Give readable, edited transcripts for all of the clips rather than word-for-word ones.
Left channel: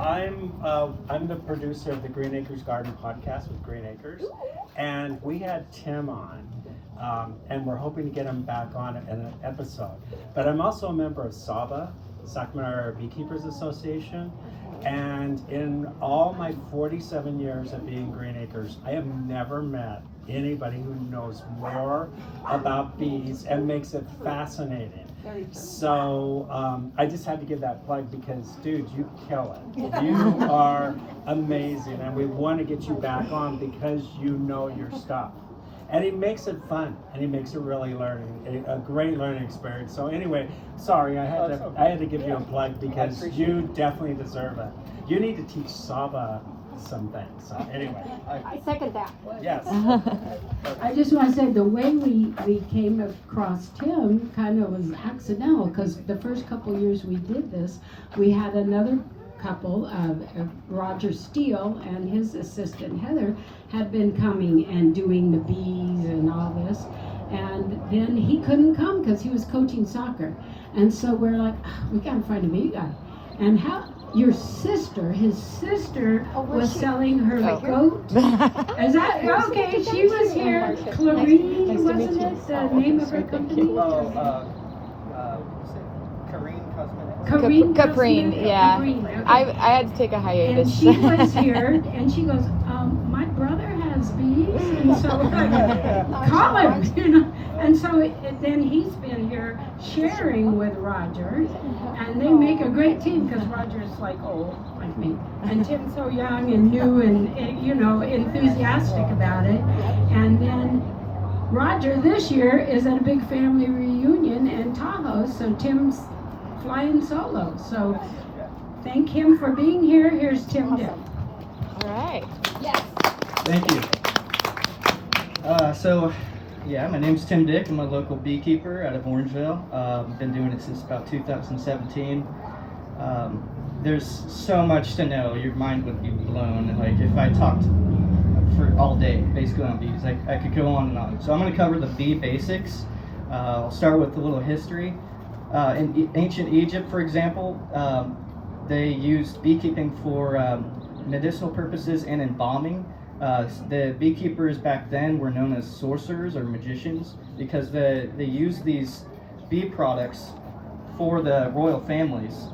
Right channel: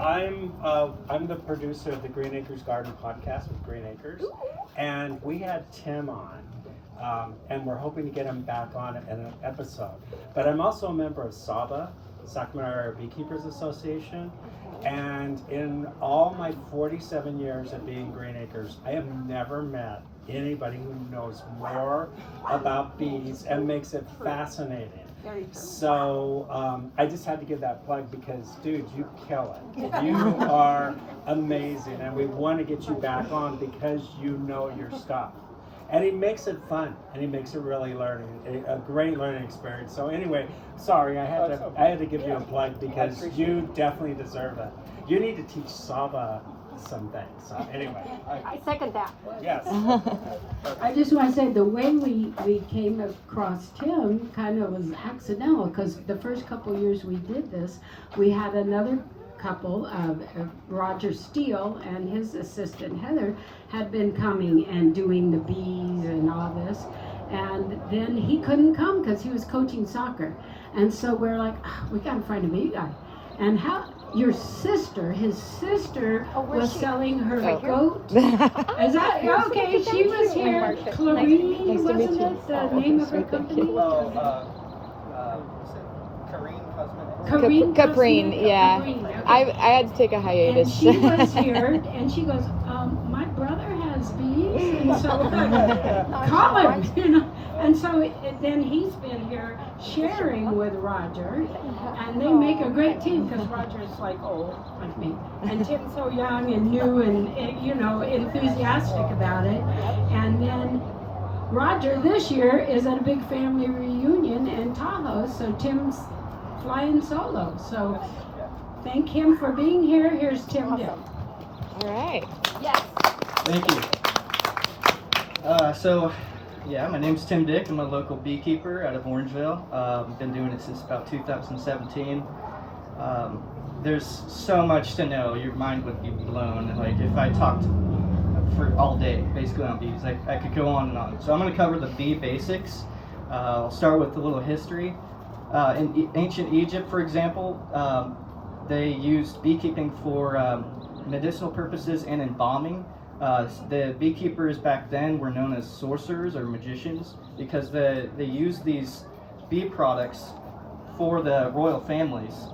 I'm the producer of the Green Acres Garden podcast with Green Acres, and we had Tim on, and we're hoping to get him back on in an episode. But I'm also a member of SABA, Sacramento Beekeepers Association, and in all my 47 years of being Green Acres, I have never met anybody who knows more about bees and makes it fascinating. So I just had to give that plug because, dude, you kill it. You are amazing, and we want to get you back on because you know your stuff. And he makes it fun, and he makes it really a great learning experience. So anyway, sorry, I had to give you a plug because you definitely deserve it. You need to teach Saba some things. So anyway, I second that. Yes. I just want to say the way we came across Tim kind of was accidental, because the first couple years we did this, we had another couple of Roger Steele and his assistant Heather had been coming and doing the bees and all this, and then he couldn't come because he was coaching soccer, and so we're like, we gotta find a bee guy. And how your sister, his sister, was selling her goat. Is that okay? She was here. Clarine, wasn't it the name of her company? Caprine, yeah. Caprine, okay. I had to take a hiatus. And she was here, and she goes, my brother has bees, and so call him, you know. And so then he's been here sharing with Roger, and they make a great team because Roger's like old, like me, and Tim's so young and new and, you know, enthusiastic about it. And then Roger this year is at a big family reunion in Tahoe, so Tim's flying solo. So thank him for being here. Here's Tim Dick. All right. Yes. Thank you. Yeah, my name's Tim Dick. I'm a local beekeeper out of Orangevale. Been doing it since about 2017. There's so much to know. Your mind would be blown. Like if I talked for all day, basically on bees, I could go on and on. So I'm going to cover the bee basics. I'll start with a little history. In ancient Egypt, for example, they used beekeeping for medicinal purposes and embalming. The beekeepers back then were known as sorcerers or magicians because they used these bee products for the royal families,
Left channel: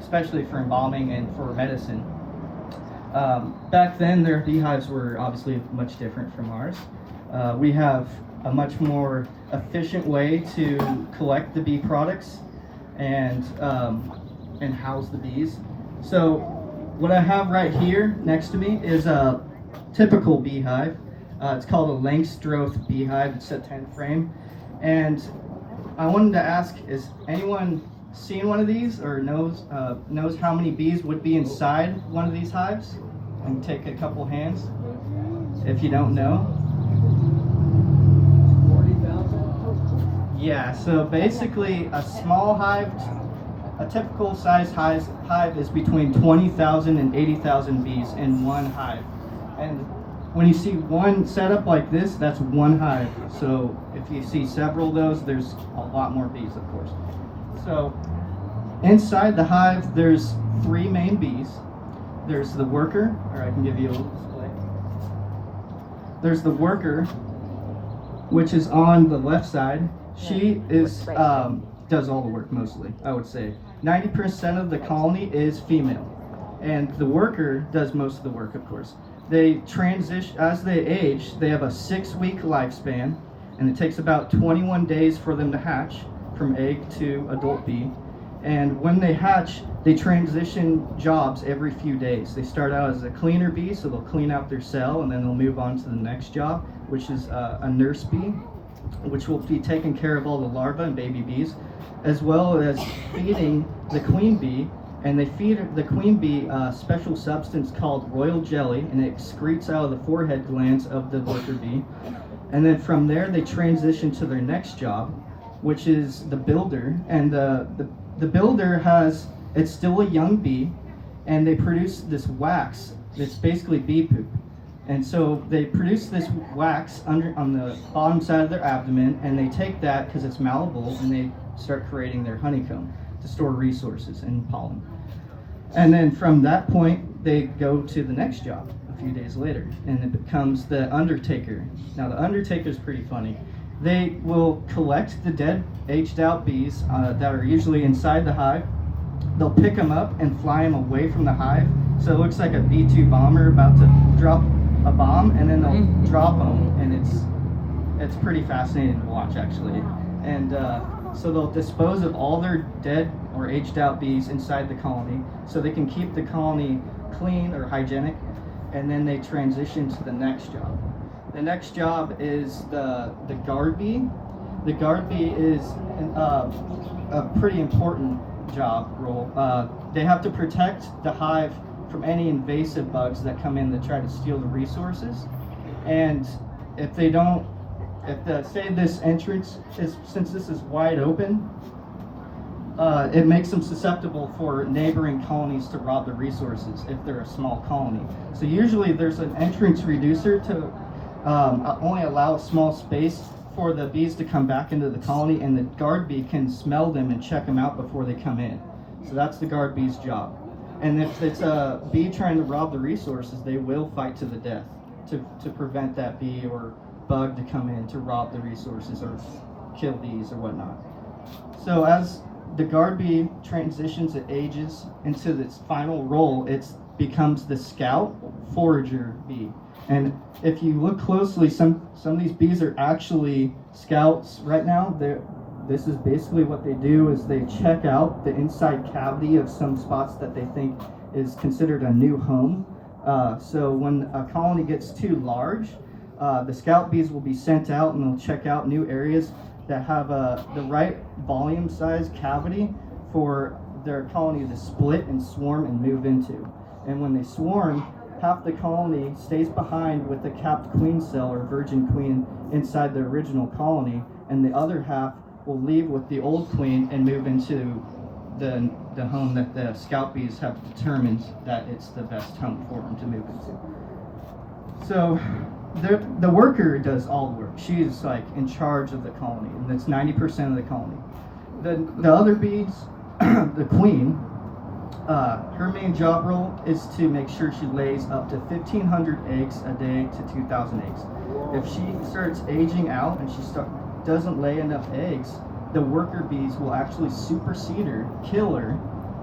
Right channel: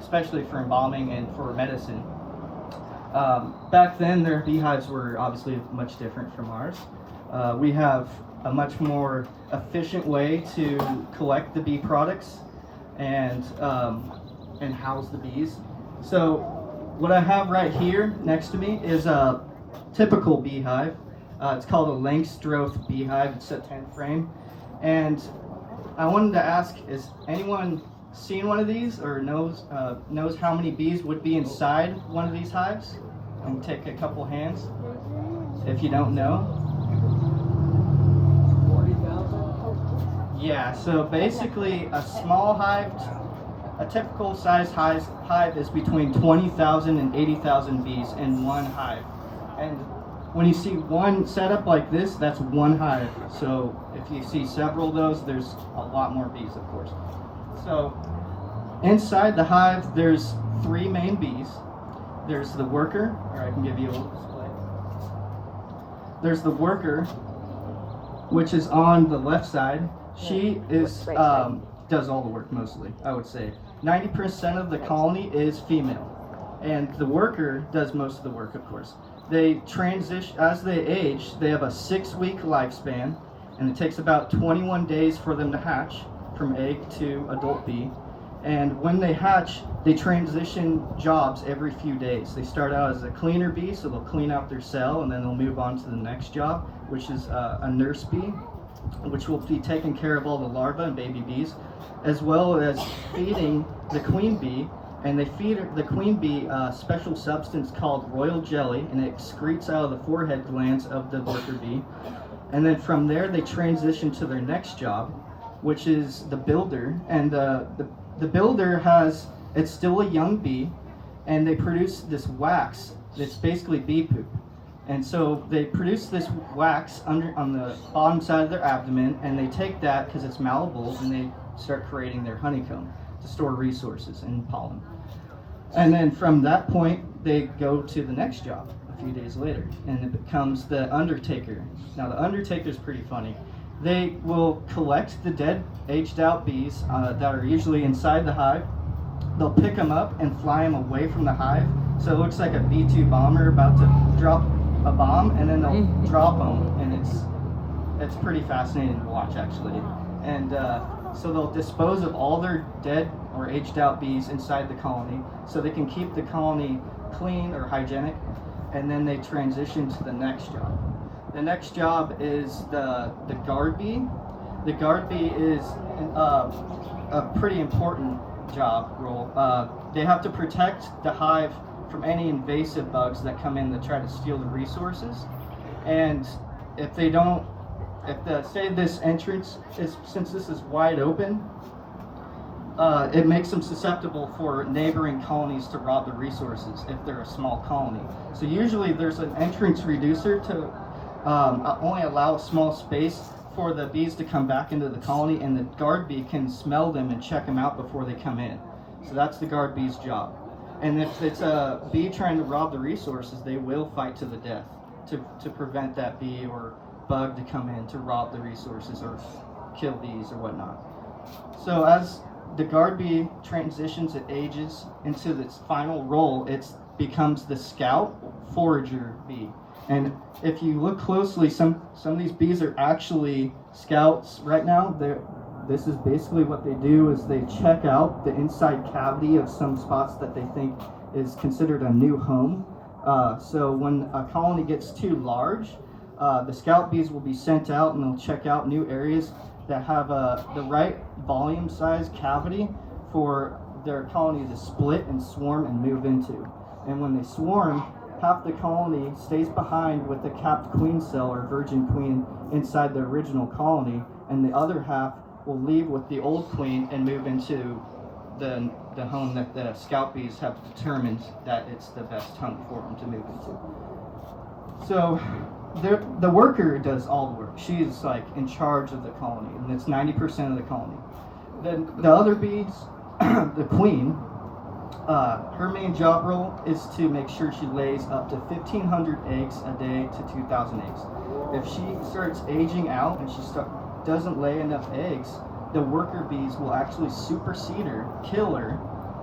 especially for embalming and for medicine. Back then, their beehives were obviously much different from ours. We have a much more efficient way to collect the bee products and house the bees. So what I have right here next to me is a typical beehive. It's called a Langstroth beehive. It's a 10 frame. And I wanted to ask, is anyone seen one of these or knows how many bees would be inside one of these hives? And take a couple hands if you don't know. Yeah, so basically a small hive, a typical size hive is between 20,000 and 80,000 bees in one hive. And when you see one setup like this, that's one hive. So if you see several of those, there's a lot more bees, of course. So inside the hive, there's three main bees. There's the worker, or I can give you a little display. There's the worker, which is on the left side. She is does all the work mostly, I would say. 90% of the colony is female, and the worker does most of the work, of course. They transition as they age. They have a 6-week lifespan, and it takes about 21 days for them to hatch from egg to adult bee. And when they hatch, they transition jobs every few days. They start out as a cleaner bee, so they'll clean out their cell, and then they'll move on to the next job, which is a nurse bee, which will be taking care of all the larvae and baby bees, as well as feeding the queen bee. And they feed the queen bee a special substance called royal jelly, and it excretes out of the forehead glands of the worker bee. And then from there, they transition to their next job, which is the builder. And the builder it's still a young bee, and they produce this wax that's basically bee poop. And so they produce this wax on the bottom side of their abdomen, and they take that because it's malleable, and they start creating their honeycomb to store resources and pollen. And then from that point, they go to the next job a few days later, and it becomes the undertaker. Now, the undertaker is pretty funny. They will collect the dead, aged out bees that are usually inside the hive. They'll pick them up and fly them away from the hive. So it looks like a B-2 bomber about to drop a bomb, and then they'll drop them, and it's pretty fascinating to watch, actually. And so they'll dispose of all their dead or aged out bees inside the colony, so they can keep the colony clean or hygienic, and then they transition to the next job. The next job is the guard bee. The guard bee is a pretty important job role. They have to protect the hive from any invasive bugs that come in to try to steal the resources. And if they don't, say this entrance is, since this is wide open, it makes them susceptible for neighboring colonies to rob the resources if they're a small colony. So usually there's an entrance reducer to only allow a small space for the bees to come back into the colony, and the guard bee can smell them and check them out before they come in. So that's the guard bee's job. And if it's a bee trying to rob the resources, they will fight to the death to prevent that bee or bug to come in to rob the resources or kill bees or whatnot. So as the guard bee transitions, it ages into its final role, it becomes the scout forager bee. And if you look closely, some of these bees are actually scouts right now. This is basically what they do, is they check out the inside cavity of some spots that they think is considered a new home. So when a colony gets too large, the scout bees will be sent out, and they'll check out new areas that have the right volume size cavity for their colony to split and swarm and move into. And when they swarm, half the colony stays behind with the capped queen cell or virgin queen inside the original colony, and the other half will leave with the old queen and move into the home that the scout bees have determined that it's the best home for them to move into. So the worker does all the work. She's like in charge of the colony, and that's 90% of the colony. The other bees, the queen, her main job role is to make sure she lays up to 1,500 eggs a day to 2,000 eggs. If she starts aging out and she doesn't lay enough eggs, the worker bees will actually supersede her, kill her,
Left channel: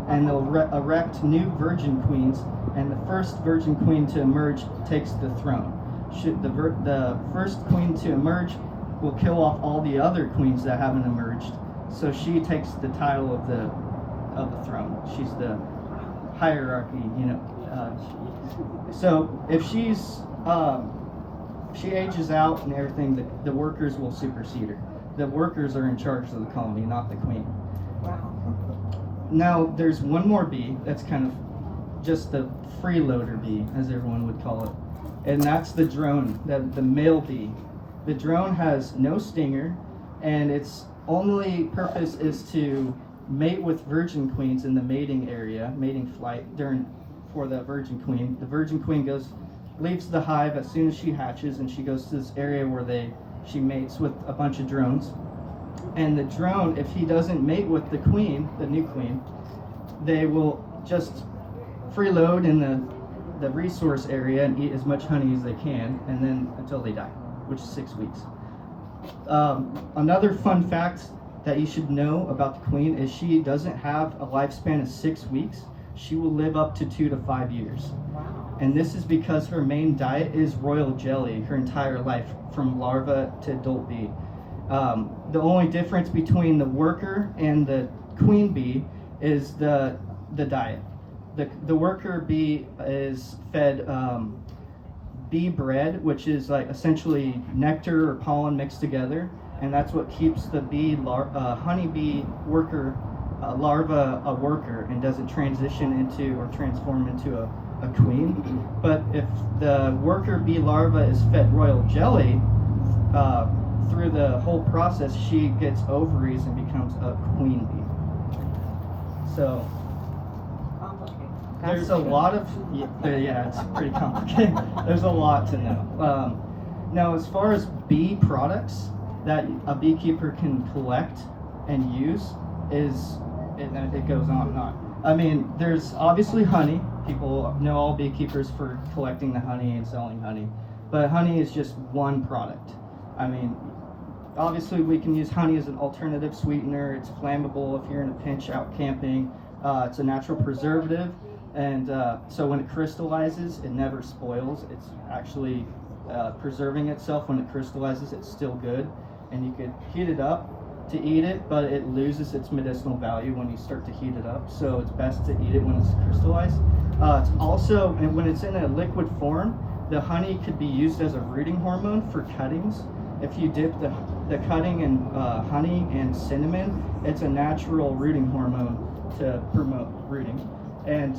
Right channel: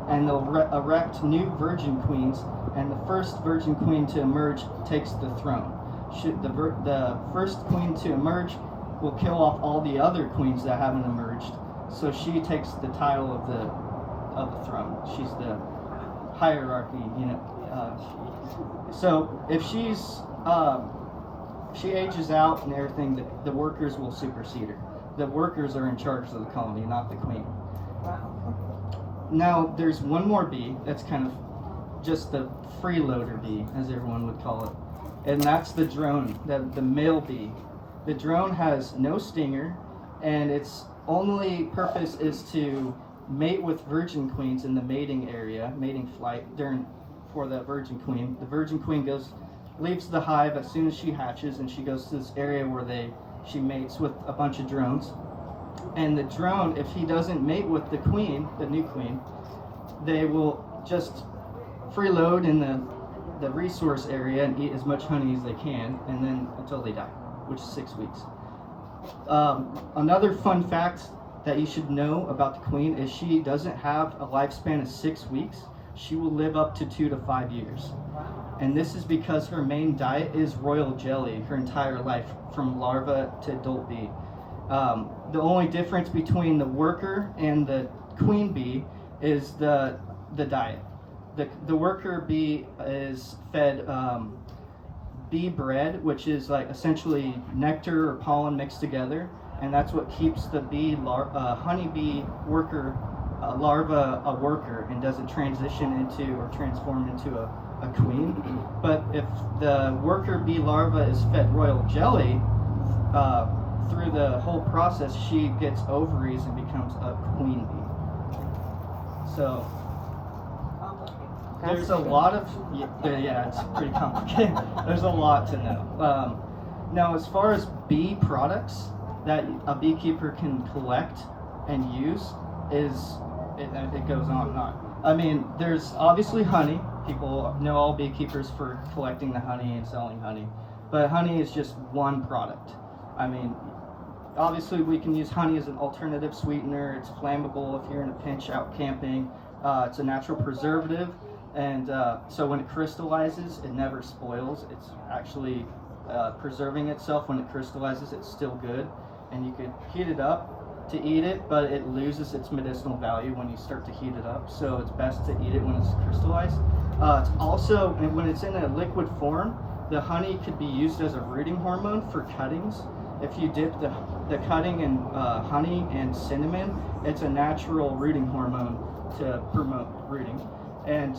and they'll erect new virgin queens, and the first virgin queen to emerge takes the throne. The first queen to emerge will kill off all the other queens that haven't emerged, so she takes the title of the throne. She's the hierarchy, so if she ages out and everything, the workers will supersede her. The workers are in charge of the colony, not the queen. Wow. Now there's one more bee that's kind of just the freeloader bee, as everyone would call it, and that's the drone, the male bee. The drone has no stinger, and its only purpose is to mate with virgin queens in the mating area, mating flight for the virgin queen. The virgin queen leaves the hive as soon as she hatches, and she goes to this area where she mates with a bunch of drones. And the drone, if he doesn't mate with the queen, the new queen, they will just freeload in the resource area and eat as much honey as they can, and then until they die, which is 6 weeks. Another fun fact that you should know about the queen is she doesn't have a lifespan of 6 weeks. She will live up to 2 to 5 years. And this is because her main diet is royal jelly her entire life, from larva to adult bee. The only difference between the worker and the queen bee is the diet. The worker bee is fed bee bread, which is like essentially nectar or pollen mixed together, and that's what keeps the honeybee worker larva a worker and doesn't transition into or transform into a queen. But if the worker bee larva is fed royal jelly, through the whole process she gets ovaries and becomes a queen bee. So there's a lot of it's pretty complicated. There's a lot to know. Now, as far as bee products that a beekeeper can collect and use, it goes on and on. I mean, there's obviously honey. People know all beekeepers for collecting the honey and selling honey. But honey is just one product. I mean, obviously we can use honey as an alternative sweetener. It's flammable if you're in a pinch out camping. It's a natural preservative. And so when it crystallizes, it never spoils. It's actually preserving itself. When it crystallizes, it's still good. And you could heat it up to eat it, but it loses its medicinal value when you start to heat it up. So it's best to eat it when it's crystallized. It's also, and when it's in a liquid form, the honey could be used as a rooting hormone for cuttings. If you dip the cutting in honey and cinnamon, it's a natural rooting hormone to promote rooting. And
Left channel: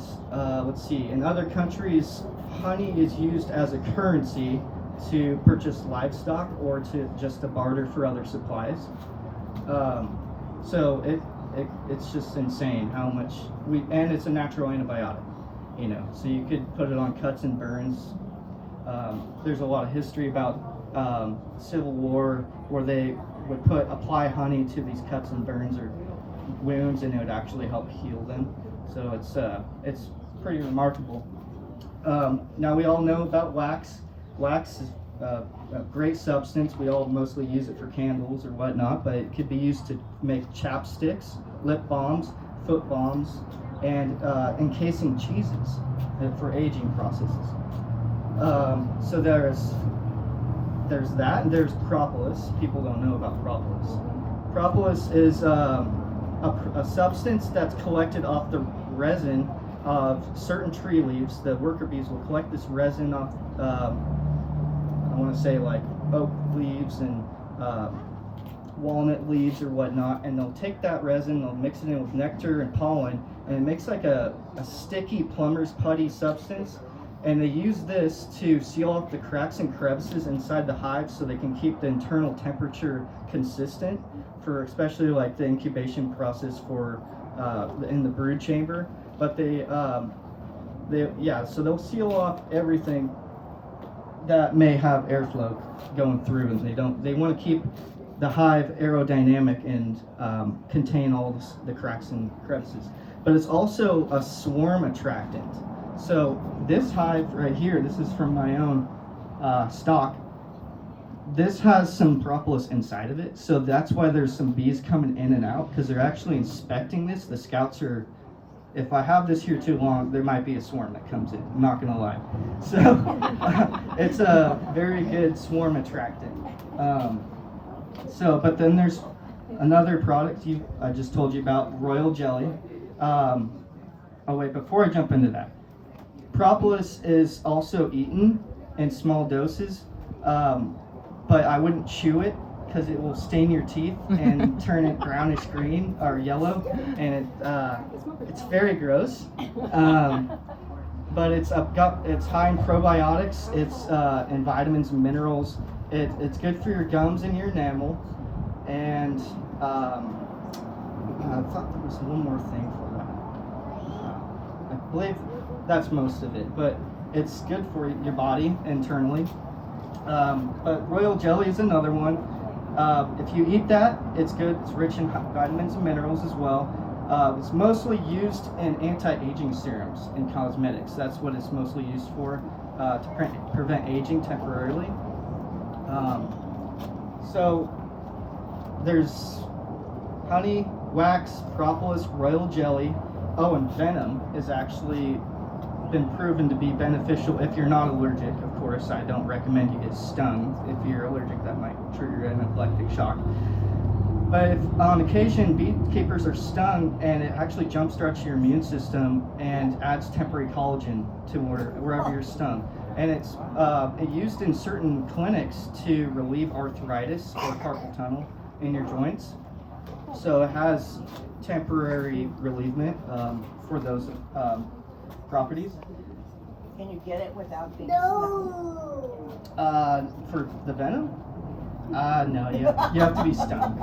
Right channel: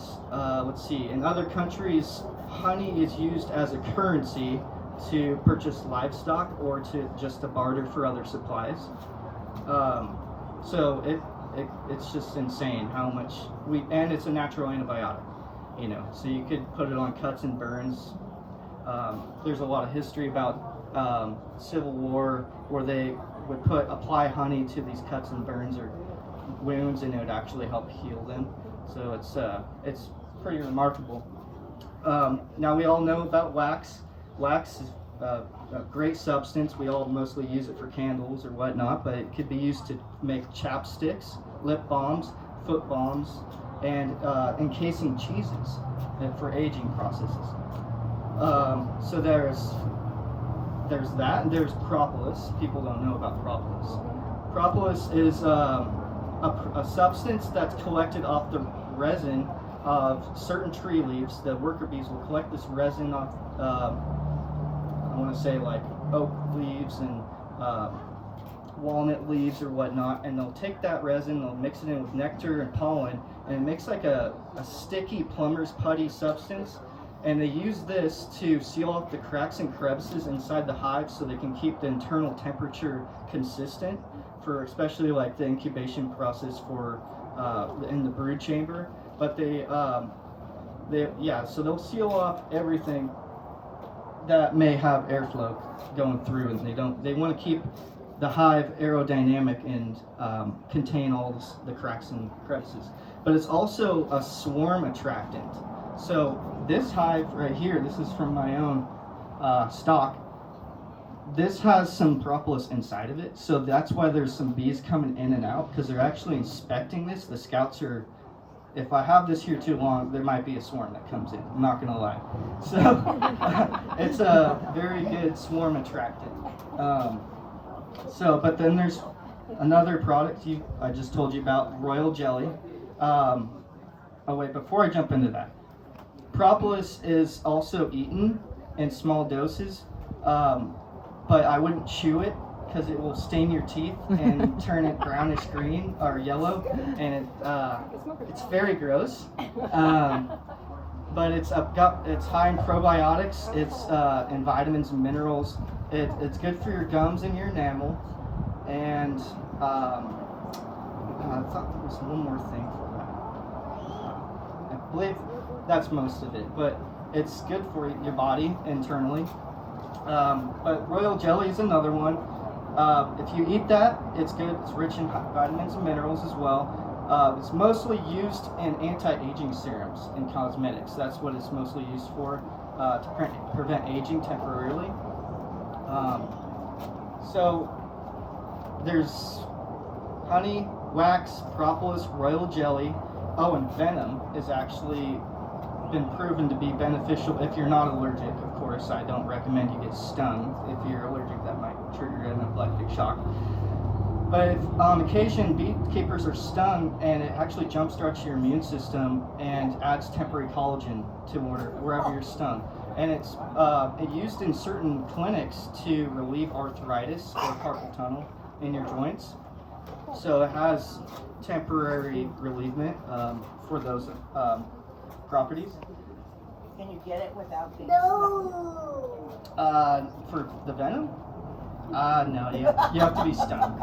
let's see, in other countries, honey is used as a currency to purchase livestock or to barter for other supplies. So it's just insane how much and it's a natural antibiotic, you know, so you could put it on cuts and burns. There's a lot of history about Civil War where they would apply honey to these cuts and burns or wounds, and it would actually help heal them. So it's pretty remarkable. Now we all know about wax. Wax is a great substance. We all mostly use it for candles or whatnot, but it could be used to make chapsticks, lip balms, foot balms, and encasing cheeses for aging processes. So there's that, and there's propolis. People don't know about propolis. Propolis is a substance that's collected off the resin of certain tree leaves. The worker bees will collect this resin off I want to say like oak leaves and walnut leaves or whatnot, and they'll take that resin, they'll mix it in with nectar and pollen, and it makes like a sticky plumber's putty substance, and they use this to seal off the cracks and crevices inside the hive so they can keep the internal temperature consistent for especially like the incubation process for in the brood chamber. But so they'll seal off everything that may have airflow going through, and they want to keep the hive aerodynamic and contain all the cracks and crevices. But it's also a swarm attractant. So this hive right here, this is from my own stock. This has some propolis inside of it, so that's why there's some bees coming in and out, because they're actually inspecting this. The scouts are, if I have this here too long, there might be a swarm that comes in. I'm not gonna lie. So it's a very good swarm attractant. But then there's another product I just told you about, royal jelly. Before I jump into that, propolis is also eaten in small doses, but I wouldn't chew it because it will stain your teeth and turn it brownish green or yellow, and it's very gross. But it's high in probiotics. It's in vitamins and minerals. It's good for your gums and your enamel. And I thought there was one more thing for that. I believe that's most of it, but it's good for your body internally. But royal jelly is another one. If you eat that, it's good. It's rich in vitamins and minerals as well. It's mostly used in anti-aging serums and cosmetics. That's what it's mostly used for, to prevent aging temporarily. So there's honey, wax, propolis, royal jelly. Oh, and venom is actually been proven to be beneficial if you're not allergic. Of course, I don't recommend you get stung. If you're allergic, that might trigger an anaphylactic shock. But if on occasion beekeepers are stung, and it actually jumpstarts your immune system and adds temporary collagen to wherever you're stung. And it's used in certain clinics to relieve arthritis or carpal tunnel in your joints. So it has temporary relievement for those properties. Can you get it without being stung? For the venom? No, you have to be stung.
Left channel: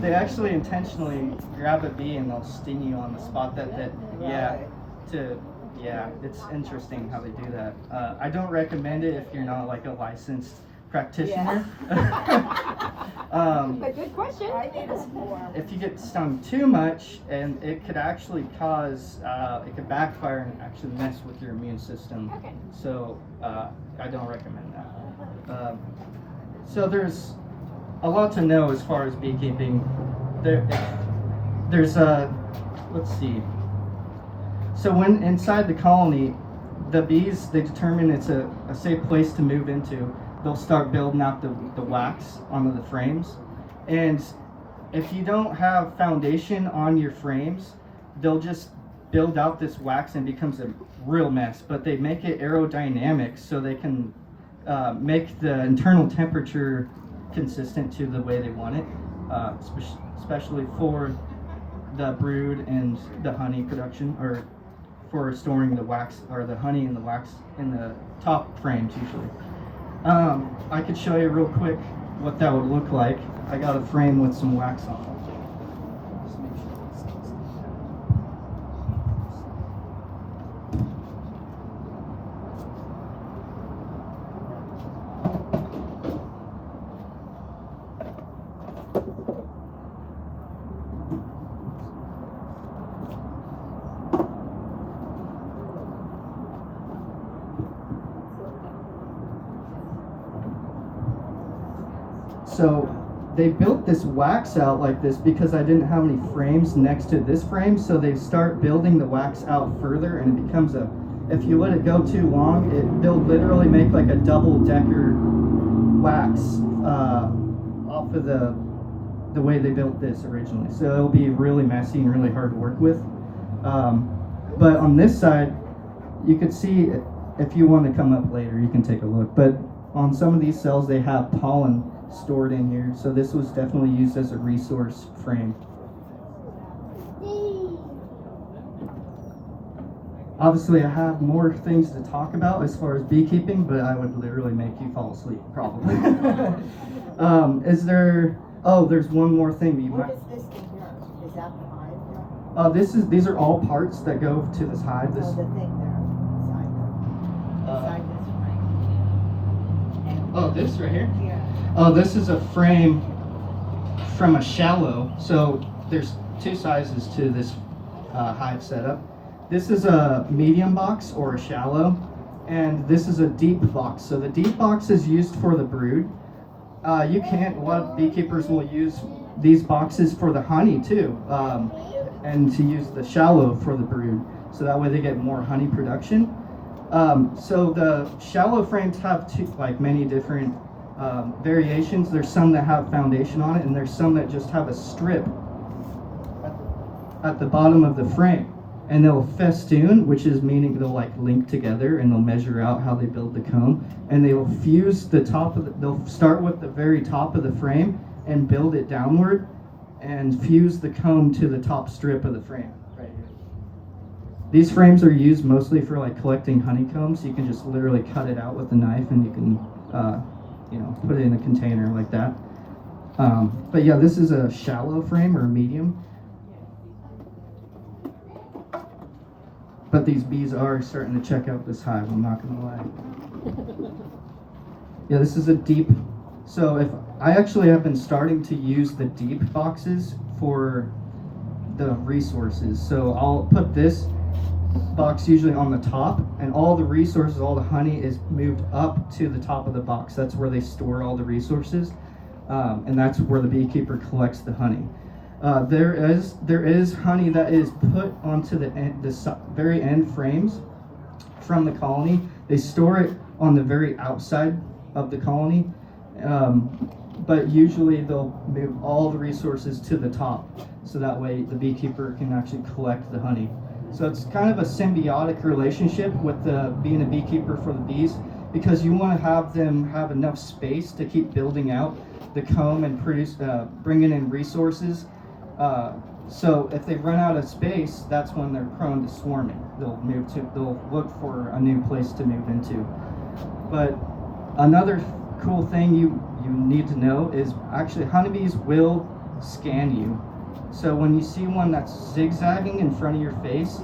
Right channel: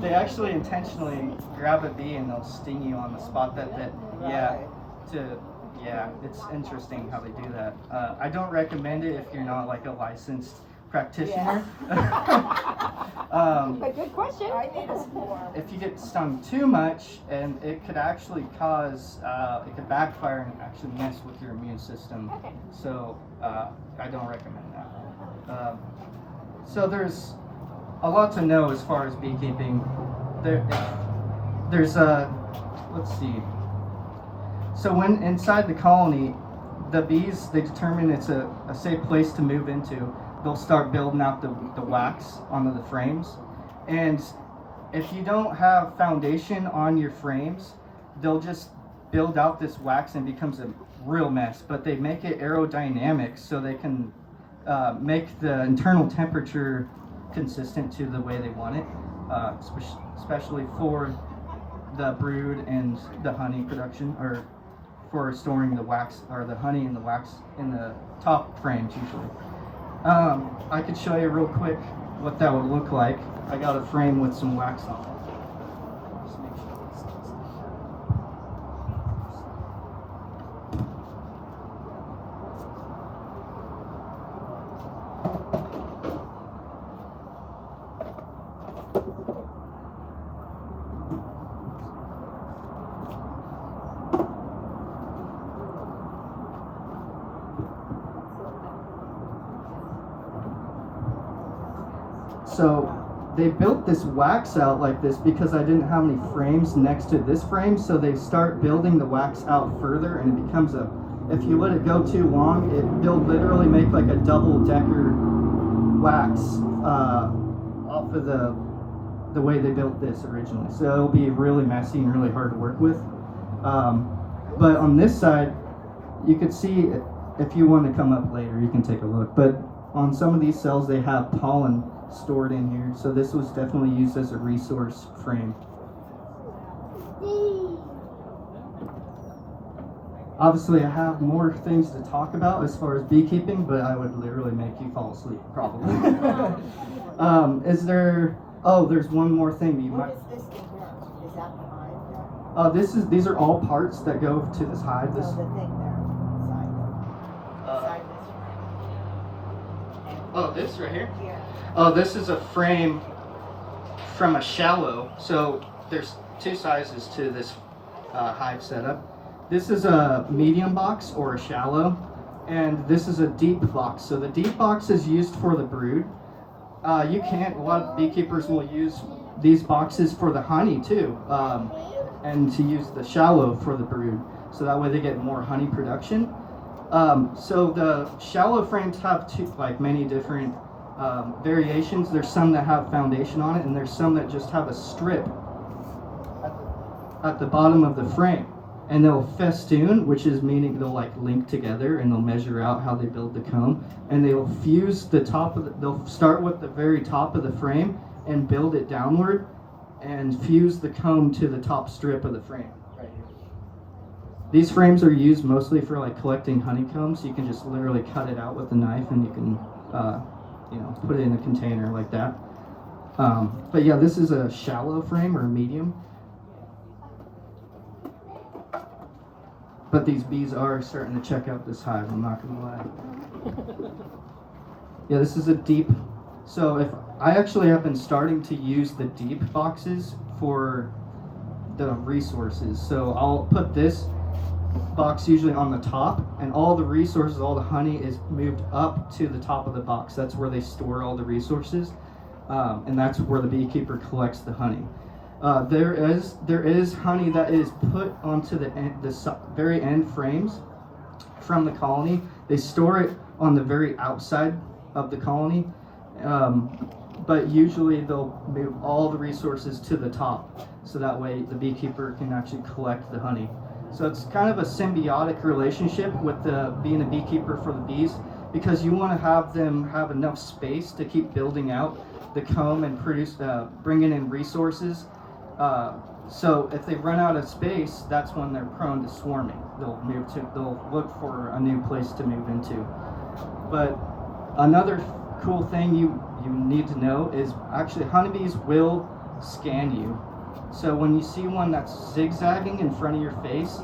They actually intentionally grab a bee and they'll sting you on the spot it's interesting how they do that. I don't recommend it if you're not like a licensed practitioner. A good question. I need a swarm. If you get stung too much, and it could actually cause, it could backfire and actually mess with your immune system. Okay. So I don't recommend that. So there's a lot to know as far as beekeeping. There's a, let's see. So when inside the colony, the bees, they determine it's a safe place to move into. They'll start building out the wax onto the frames. And if you don't have foundation on your frames, they'll just build out this wax and it becomes a real mess. But they make it aerodynamic so they can make the internal temperature consistent to the way they want it, especially for the brood and the honey production, or for storing the wax or the honey and the wax in the top frames usually. I could show you real quick what that would look like. I got a frame with some wax on it. Just make sure this sticks. So they built this wax out like this because I didn't have any frames next to this frame, so they start building the wax out further, and it becomes a, if you let it go too long, they'll literally make like a double-decker wax off of the way they built this originally. So it'll be really messy and really hard to work with. But on this side, you could see, if you want to come up later, you can take a look. But on some of these cells, they have pollen stored in here, so this was definitely used as a resource frame. Obviously, I have more things to talk about as far as beekeeping, but I would literally make you fall asleep, probably. Is there? Oh, there's one more thing. What is this thing here? Is that the hive? These are all parts that go to this hive. Oh, the thing there beside this. Oh, this right here. Yeah. Oh, this is a frame from a shallow. So there's two sizes to this hive setup. This is a medium box or a shallow, and this is a deep box. So the deep box is used for the brood. A lot of beekeepers will use these boxes for the honey too, and to use the shallow for the brood. So that way they get more honey production. So the shallow frames have many different variations. There's some that have foundation on it, and there's some that just have a strip at the bottom of the frame, and they'll festoon, which is meaning they'll link together, and they'll measure out how they build the comb, and they'll fuse the top of they'll start with the very top of the frame and build it downward and fuse the comb to the top strip of the frame right here. These frames are used mostly for collecting honeycombs. You can just literally cut it out with a knife, and you can put it in a container like that. But yeah, this is a shallow frame or a medium. But these bees are starting to check out this hive, I'm not gonna lie. Yeah, this is a deep. So if I actually have been starting to use the deep boxes for the resources. So I'll put this box usually on the top, and all the resources, all the honey is moved up to the top of the box. That's where they store all the resources, and that's where the beekeeper collects the honey. There is honey that is put onto the very end frames from the colony. They store it on the very outside of the colony, but usually they'll move all the resources to the top, so that way the beekeeper can actually collect the honey. So it's kind of a symbiotic relationship with being a beekeeper for the bees, because you want to have them have enough space to keep building out the comb and bringing in resources. So if they run out of space, that's when they're prone to swarming. They'll look for a new place to move into. But another cool thing you need to know is actually honeybees will scan you. So when you see one that's zigzagging in front of your face,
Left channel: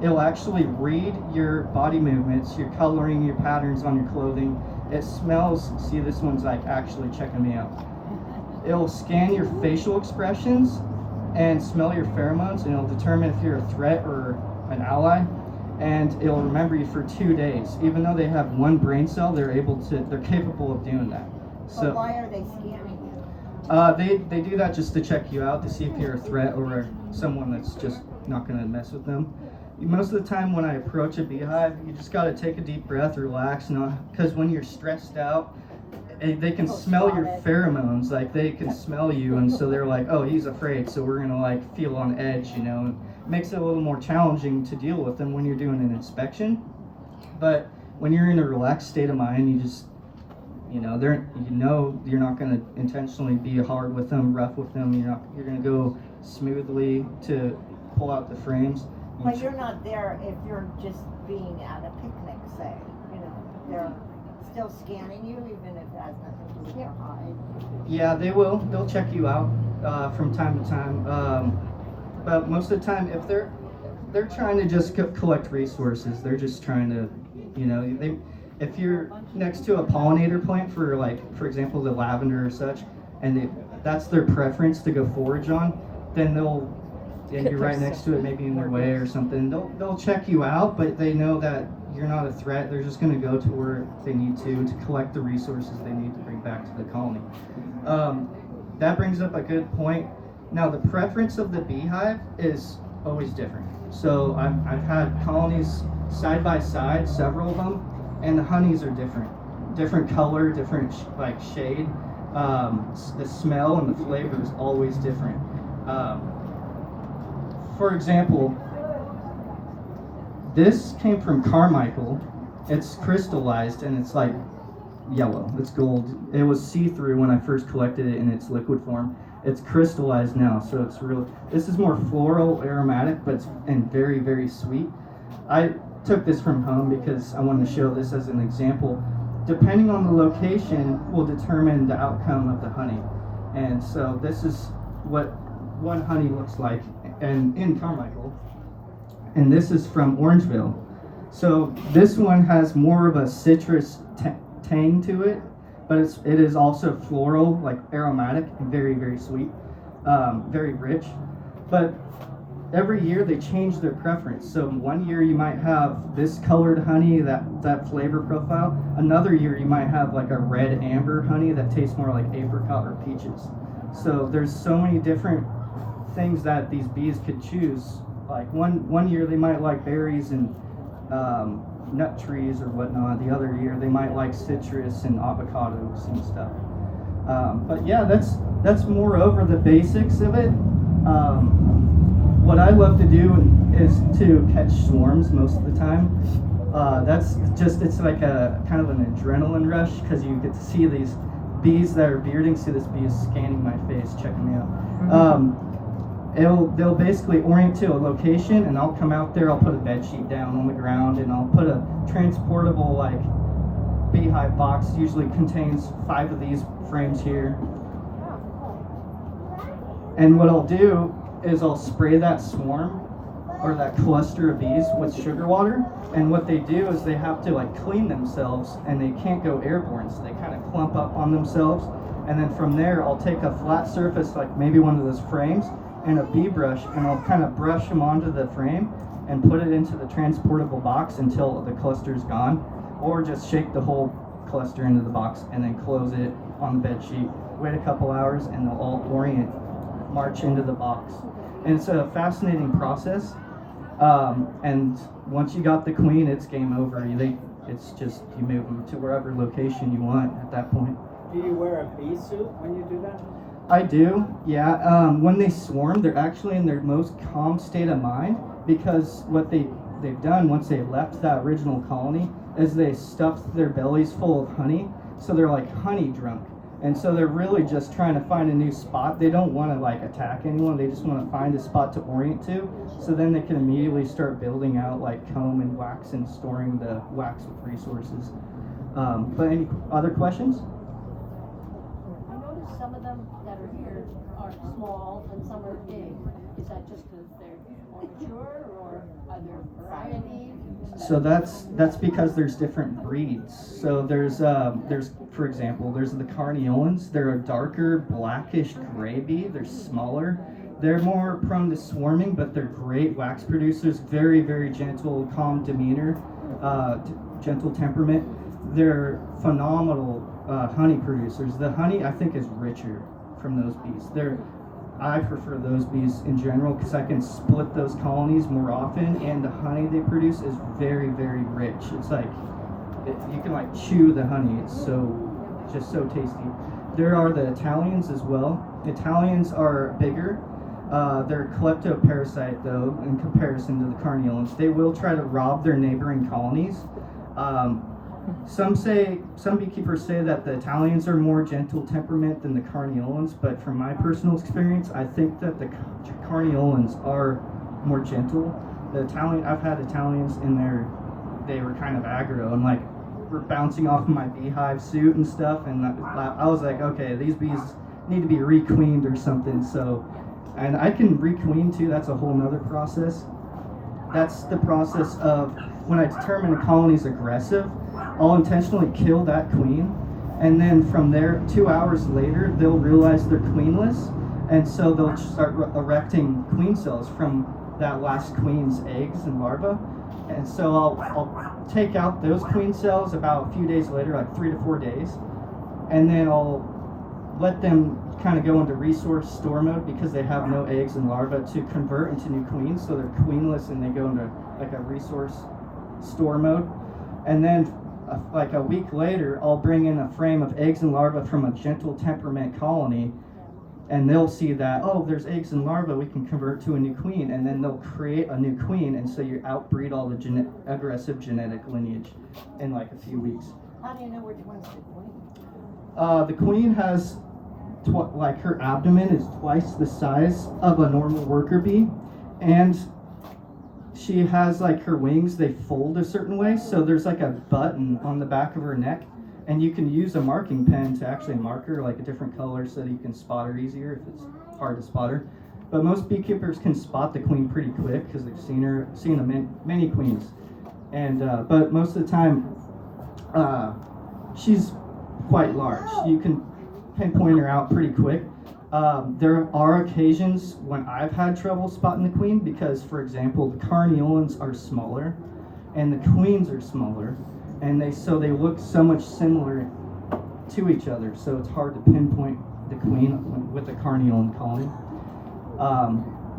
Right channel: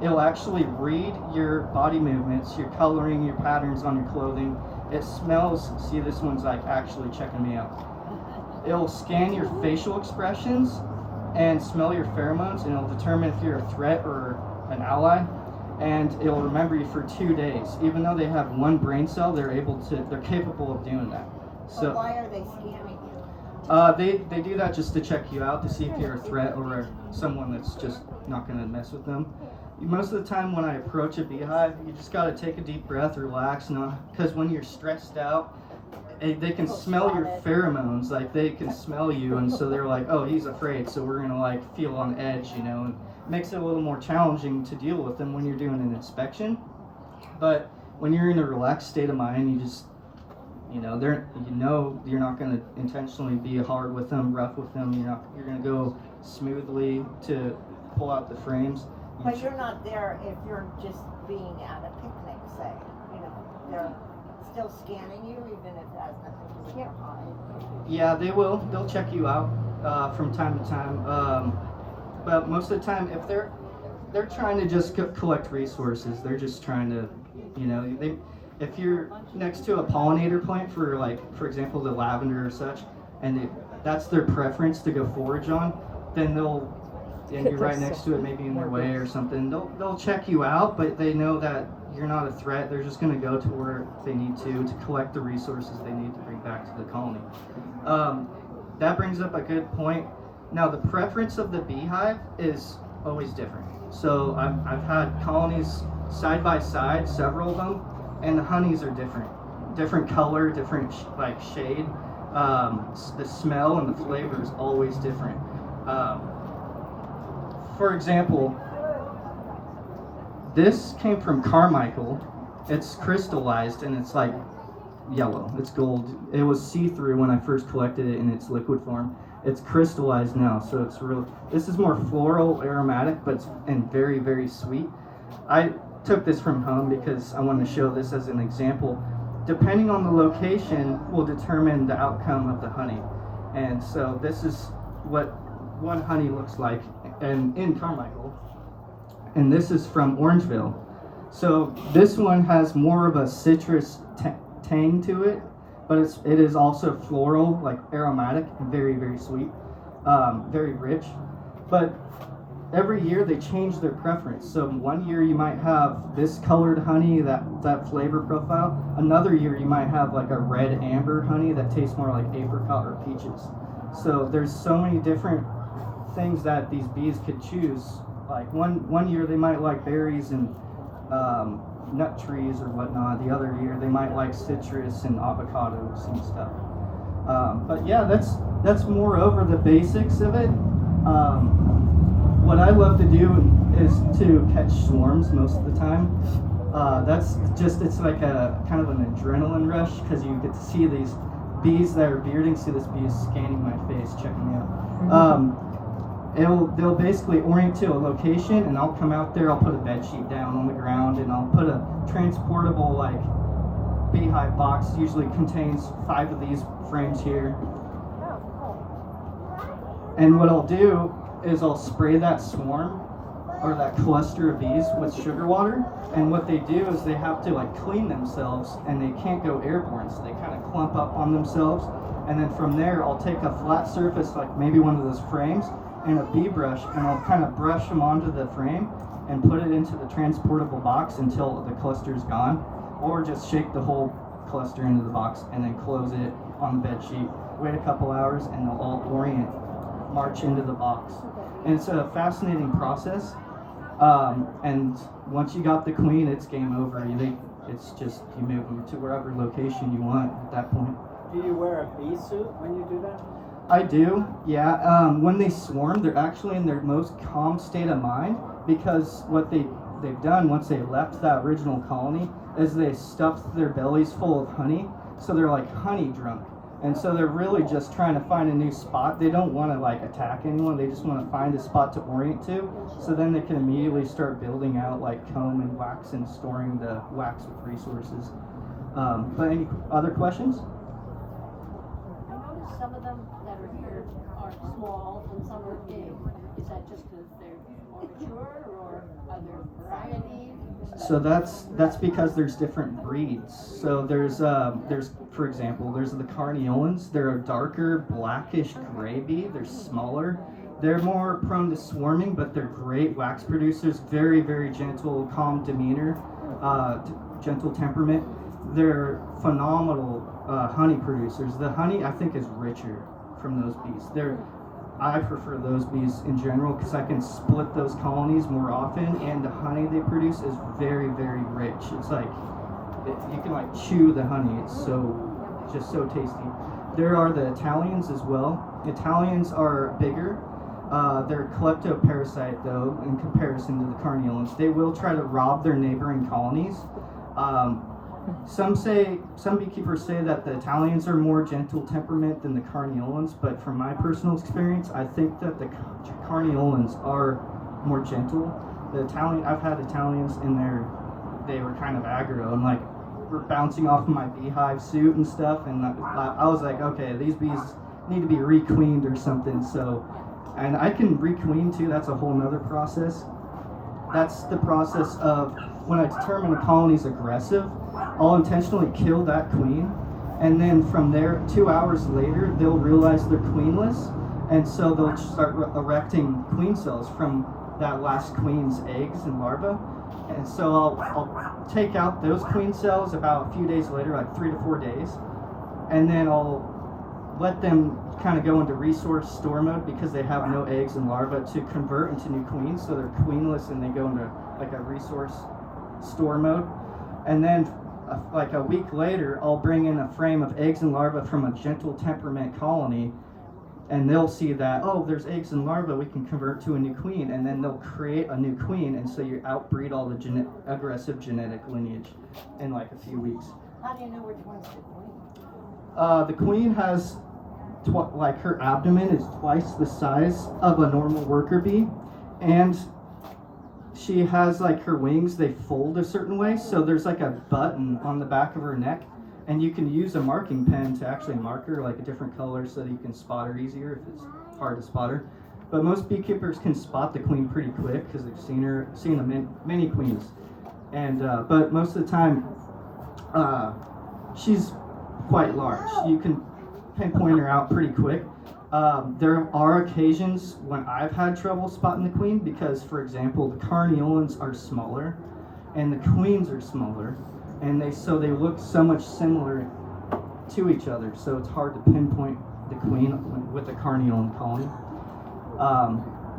it'll actually read your body movements, your coloring, your patterns on your clothing, It smells, see, this one's like actually checking me out. It'll scan your facial expressions and smell your pheromones, and it'll determine if you're a threat or an ally, and it'll remember you for 2 days. Even though they have one brain cell, they're capable of doing that. So But why are they scanning you? they do that just to check you out, to see if you're a threat or someone that's just not going to mess with them. Most of the time when I approach a beehive, you just got to take a deep breath, relax, because when you're stressed out, they can smell your pheromones, like they can smell you, and so they're like, oh, he's afraid, so we're going to like feel on edge, and it makes it a little more challenging to deal with them when you're doing an inspection. But when you're in a relaxed state of mind, you just you're not going to intentionally be hard with them, rough with them. You're going to go smoothly to pull out the frames. But you're not there if you're just being at a picnic, say, they're still scanning you even if it has nothing to do with your hive. Yeah, they will. They'll check you out from time to time. But most of the time, if they're trying to just collect resources, they're just trying to, if you're next to a pollinator plant for example, the lavender or such, and that's their preference to go forage on, then and you're right next to it, maybe in their way or something, they'll check you out, but they know that you're not a threat. They're just going to go to where they need to collect the resources they need to bring back to the colony. That brings up a good point. Now, the preference of the beehive is always different. So I've had colonies side by side, several of them, and the honeys are different color, different shade. The smell and the flavor is always different. For example, this came from Carmichael. It's crystallized and it's like yellow. It's gold. It was see-through when I first collected it in its liquid form. It's crystallized now, so it's real. This is more floral, aromatic, and very, very sweet. I took this from home because I wanted to show this as an example. Depending on the location will determine the outcome of the honey. And so this is what one honey looks like and in Carmichael. And this is from Orangevale. So this one has more of a citrus tang to it, but it is also floral, like aromatic, and very, very sweet, very rich. But every year they change their preference. So one year you might have this colored honey, that flavor profile. Another year you might have like a red amber honey that tastes more like apricot or peaches. So there's so many different things that these bees could choose. Like one year they might like berries and nut trees or whatnot. The other year they might like citrus and avocados and stuff. But yeah, that's more over the basics of it. What I love to do is to catch swarms most of the time. It's like a kind of an adrenaline rush because you get to see these bees that are bearding. See, this bee is scanning my face, checking me out. They'll basically orient to a location, and I'll come out there. I'll put a bed sheet down on the ground, and I'll put a transportable beehive box. Usually contains 5 of these frames here. And what I'll do is I'll spray that swarm or that cluster of bees with sugar water. And what they do is they have to clean themselves, and they can't go airborne, so they kind of clump up on themselves. And then from there, I'll take a flat surface, like maybe one of those frames, and a bee brush, and I'll kind of brush them onto the frame and put it into the transportable box until the cluster's gone, or just shake the whole cluster into the box and then close it on the bed sheet. Wait a couple hours, and they'll all march into the box. And it's a fascinating process. And once you got the queen, it's game over. It's just you move them to wherever location you want at that point. Do you wear a bee suit when you do that? I do, yeah. When they swarm, they're actually in their most calm state of mind, because what they've done once they left that original colony is they stuffed their bellies full of honey, so they're like honey drunk. And so they're really just trying to find a new spot. They don't want to attack anyone. They just want to find a spot to orient to, so then they can immediately start building out comb and wax and storing the wax with resources. But any other questions? I noticed some of them that are here are small and some are big. Is that just because they're more mature, or are there varieties? So that's because there's different breeds. So there's for example, there's the carniolans. They're a darker blackish gray bee. They're smaller. They're more prone to swarming, but they're great wax producers. Very, very gentle, calm demeanor, gentle temperament. They're phenomenal honey producers. The honey, I think, is richer from those bees. I prefer those bees in general because I can split those colonies more often, and the honey they produce is very, very rich. It's like you can like chew the honey. It's just so tasty. There are the Italians as well. Italians are bigger. They're kleptoparasite though in comparison to the carniolans. They will try to rob their neighboring colonies. Some beekeepers say that the Italians are more gentle temperament than the carniolans, but from my personal experience, I think that the carniolans are more gentle. I've had Italians in there, they were kind of aggro and like were bouncing off of my beehive suit and stuff, and I was like, okay, these bees need to be requeened or something. So, and I can requeen too. That's a whole nother process. That's the process of when I determine a colony's aggressive, I'll intentionally kill that queen, and then from there, 2 hours later, they'll realize they're queenless, and so they'll start erecting queen cells from that last queen's eggs and larvae. And so I'll take out those queen cells about a few days later, like 3 to 4 days, and then I'll let them kind of go into resource store mode because they have no eggs and larvae to convert into new queens. So they're queenless and they go into like a resource store mode. And then like a week later, I'll bring in a frame of eggs and larvae from a gentle temperament colony, and they'll see that, oh, there's eggs and larvae, we can convert to a new queen, and then they'll create a new queen, and so you outbreed all the aggressive genetic lineage in like a few weeks. How do you know which one's the queen? The queen has, like her abdomen is twice the size of a normal worker bee, and she has like her wings, they fold a certain way, so there's like a button on the back of her neck, and you can use a marking pen to actually mark her like a different color so that you can spot her easier if it's hard to spot her. But most beekeepers can spot the queen pretty quick because they've seen many queens. And but most of the time, she's quite large. You can pinpoint her out pretty quick. There are occasions when I've had trouble spotting the queen because, for example, the carniolans are smaller and the queens are smaller, and they look so much similar to each other, so it's hard to pinpoint the queen with the carniolan colony.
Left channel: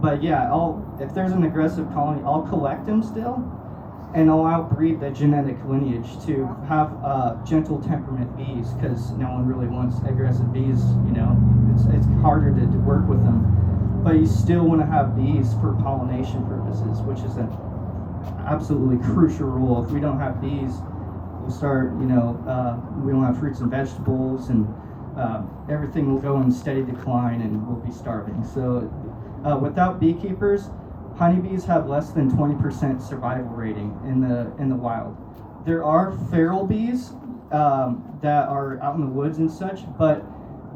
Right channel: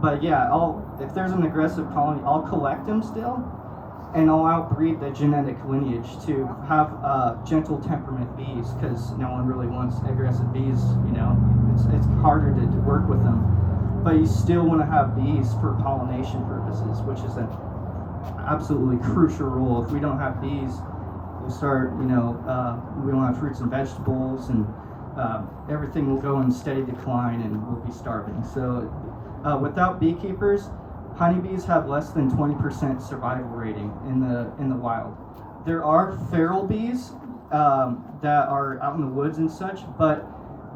But yeah, if there's an aggressive colony, I'll collect them still, and I'll outbreed the genetic lineage to have gentle temperament bees, because no one really wants aggressive bees. You know, it's harder to work with them. But you still want to have bees for pollination purposes, which is an absolutely crucial role. If we don't have bees, we'll start, we won't have fruits and vegetables, and everything will go in steady decline, and we'll be starving. So without beekeepers, honeybees have less than 20% survival rating in the wild. There are feral bees that are out in the woods and such, but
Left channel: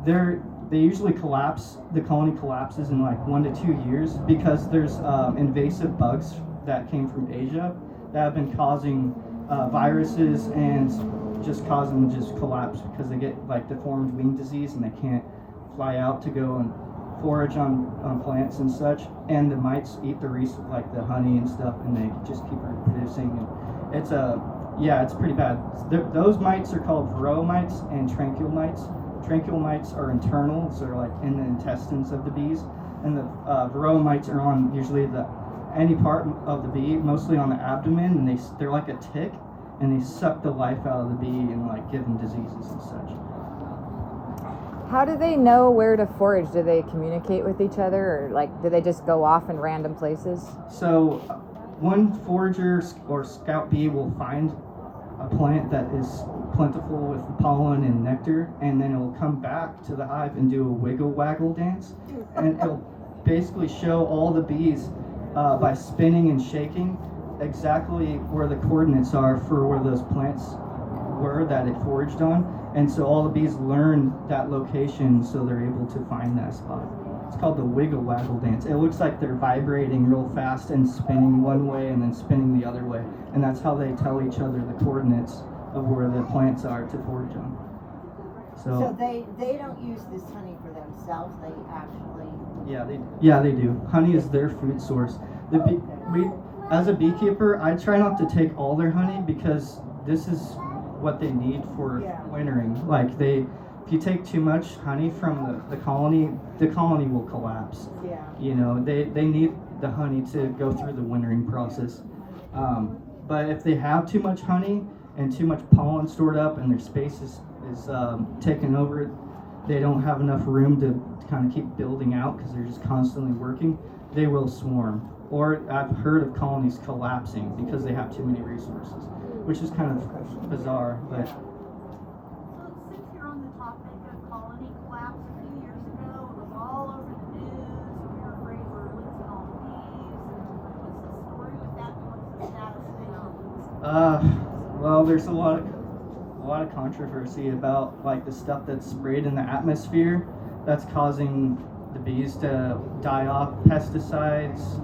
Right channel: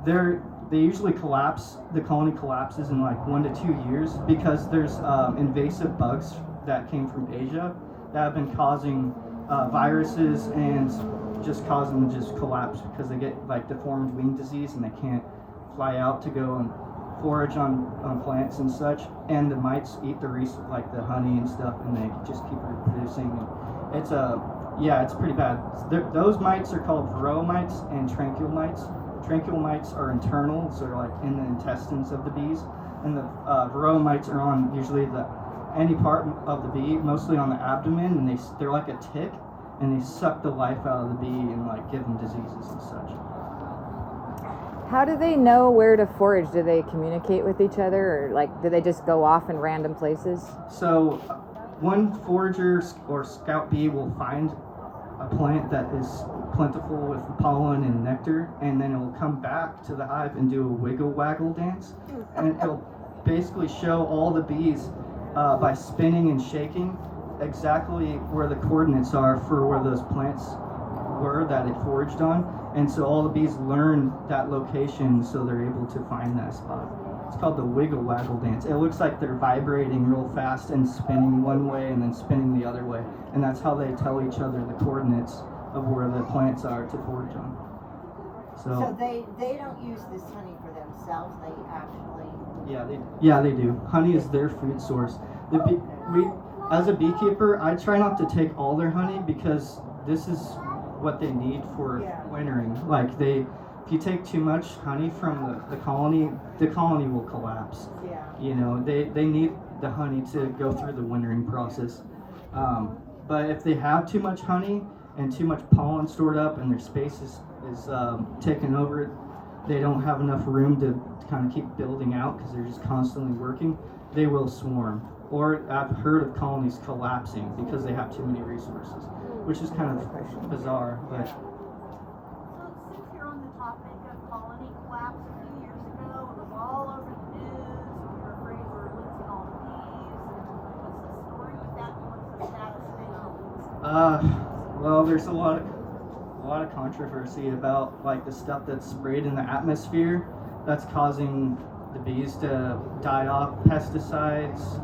they usually collapse. The colony collapses in like 1 to 2 years because there's invasive bugs that came from Asia that have been causing viruses and just cause them to just collapse because they get like deformed wing disease and they can't fly out to go and forage on plants and such, and the mites eat like the honey and stuff, and they just keep reproducing. And it's pretty bad. Those mites are called varroa mites and tranquil mites. Tranquil mites are internal, so they're like in the intestines of the bees, and the varroa mites are on usually any part of the bee, mostly on the abdomen, and they're like a tick, and they suck the life out of the bee and like give them diseases and such. How do they know where to forage? Do they communicate with each other, or like do they just go off in random places? So one forager or scout bee will find a plant that is plentiful with pollen and nectar, and then it will come back to the hive and do a wiggle waggle dance, and it'll basically show all the bees by spinning and shaking exactly where the coordinates are for where those plants were that it foraged on, and so all the bees learn that location, so they're able to find that spot. it's called the wiggle waggle dance. It looks like they're vibrating real fast and spinning one way and then spinning the other way, and that's how they tell each other the coordinates of where the plants are to forage on. So they don't use this honey for themselves, they actually. Yeah, they do. Honey is their food source. As a beekeeper, I try not to take all their honey because this is what they need for wintering. Like if you take too much honey from the colony will collapse. Yeah. You know, they need the honey to go through the wintering process. But if they have too much honey and too much pollen stored up and their space is taken over, they don't have enough room to kind of keep building out because they're just constantly working, they will swarm. Or I've heard of colonies collapsing because they have too many resources, which is kind of bizarre. But So since you're on the topic of colony collapse a few years ago, it was all over the news, we were afraid we were losing all the bees, and what's the story with that, what's the status now? well, there's a lot of controversy about like the stuff that's sprayed in the atmosphere that's causing the bees to die off, pesticides,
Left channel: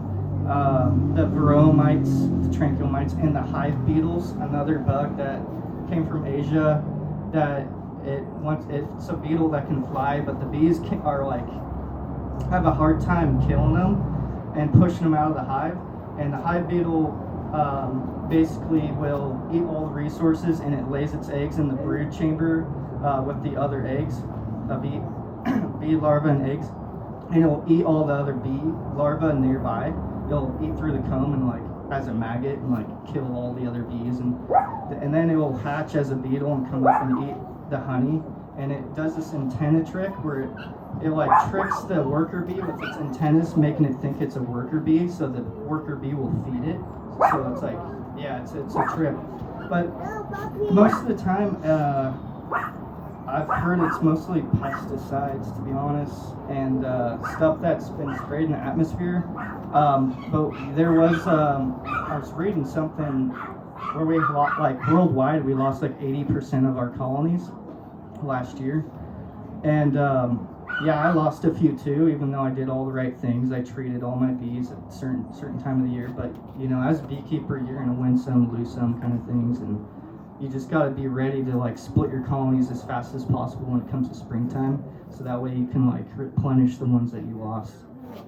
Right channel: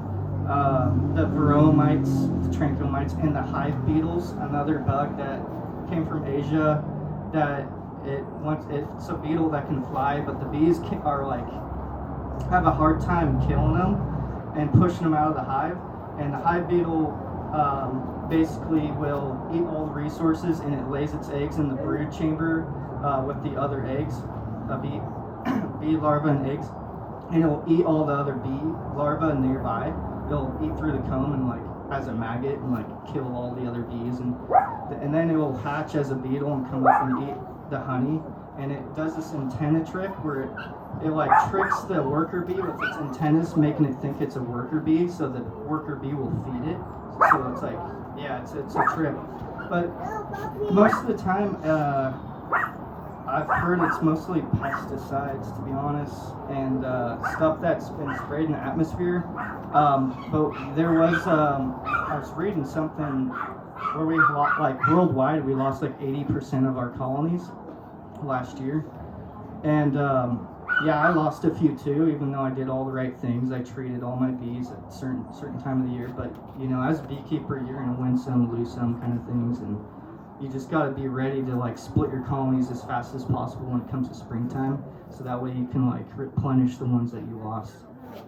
the bromites, the tranquilmites, and the hive beetles, another bug that came from Asia. That it's a beetle that can fly, but the bees have a hard time killing them and pushing them out of the hive. And the hive beetle basically will eat all the resources, and it lays its eggs in the brood chamber with the other eggs, bee larvae and eggs, and it'll eat all the other bee larvae nearby. It'll eat through the comb and as a maggot and kill all the other bees, and then it will hatch as a beetle and come up and eat the honey. And it does this antenna trick where it tricks the worker bee with its antennas, making it think it's a worker bee, so the worker bee will feed it. So it's it's a trip. But most of the time, I've heard it's mostly pesticides, to be honest, and stuff that's been sprayed in the atmosphere. But there was, I was reading something where we worldwide we lost 80% of our colonies last year, and I lost a few too, even though I did all the right things. I treated all my bees at a certain time of the year. But as a beekeeper, you're gonna win some, lose some kind of things, and you just got to be ready to split your colonies as fast as possible when it comes to springtime, so that way you can replenish the ones that you lost.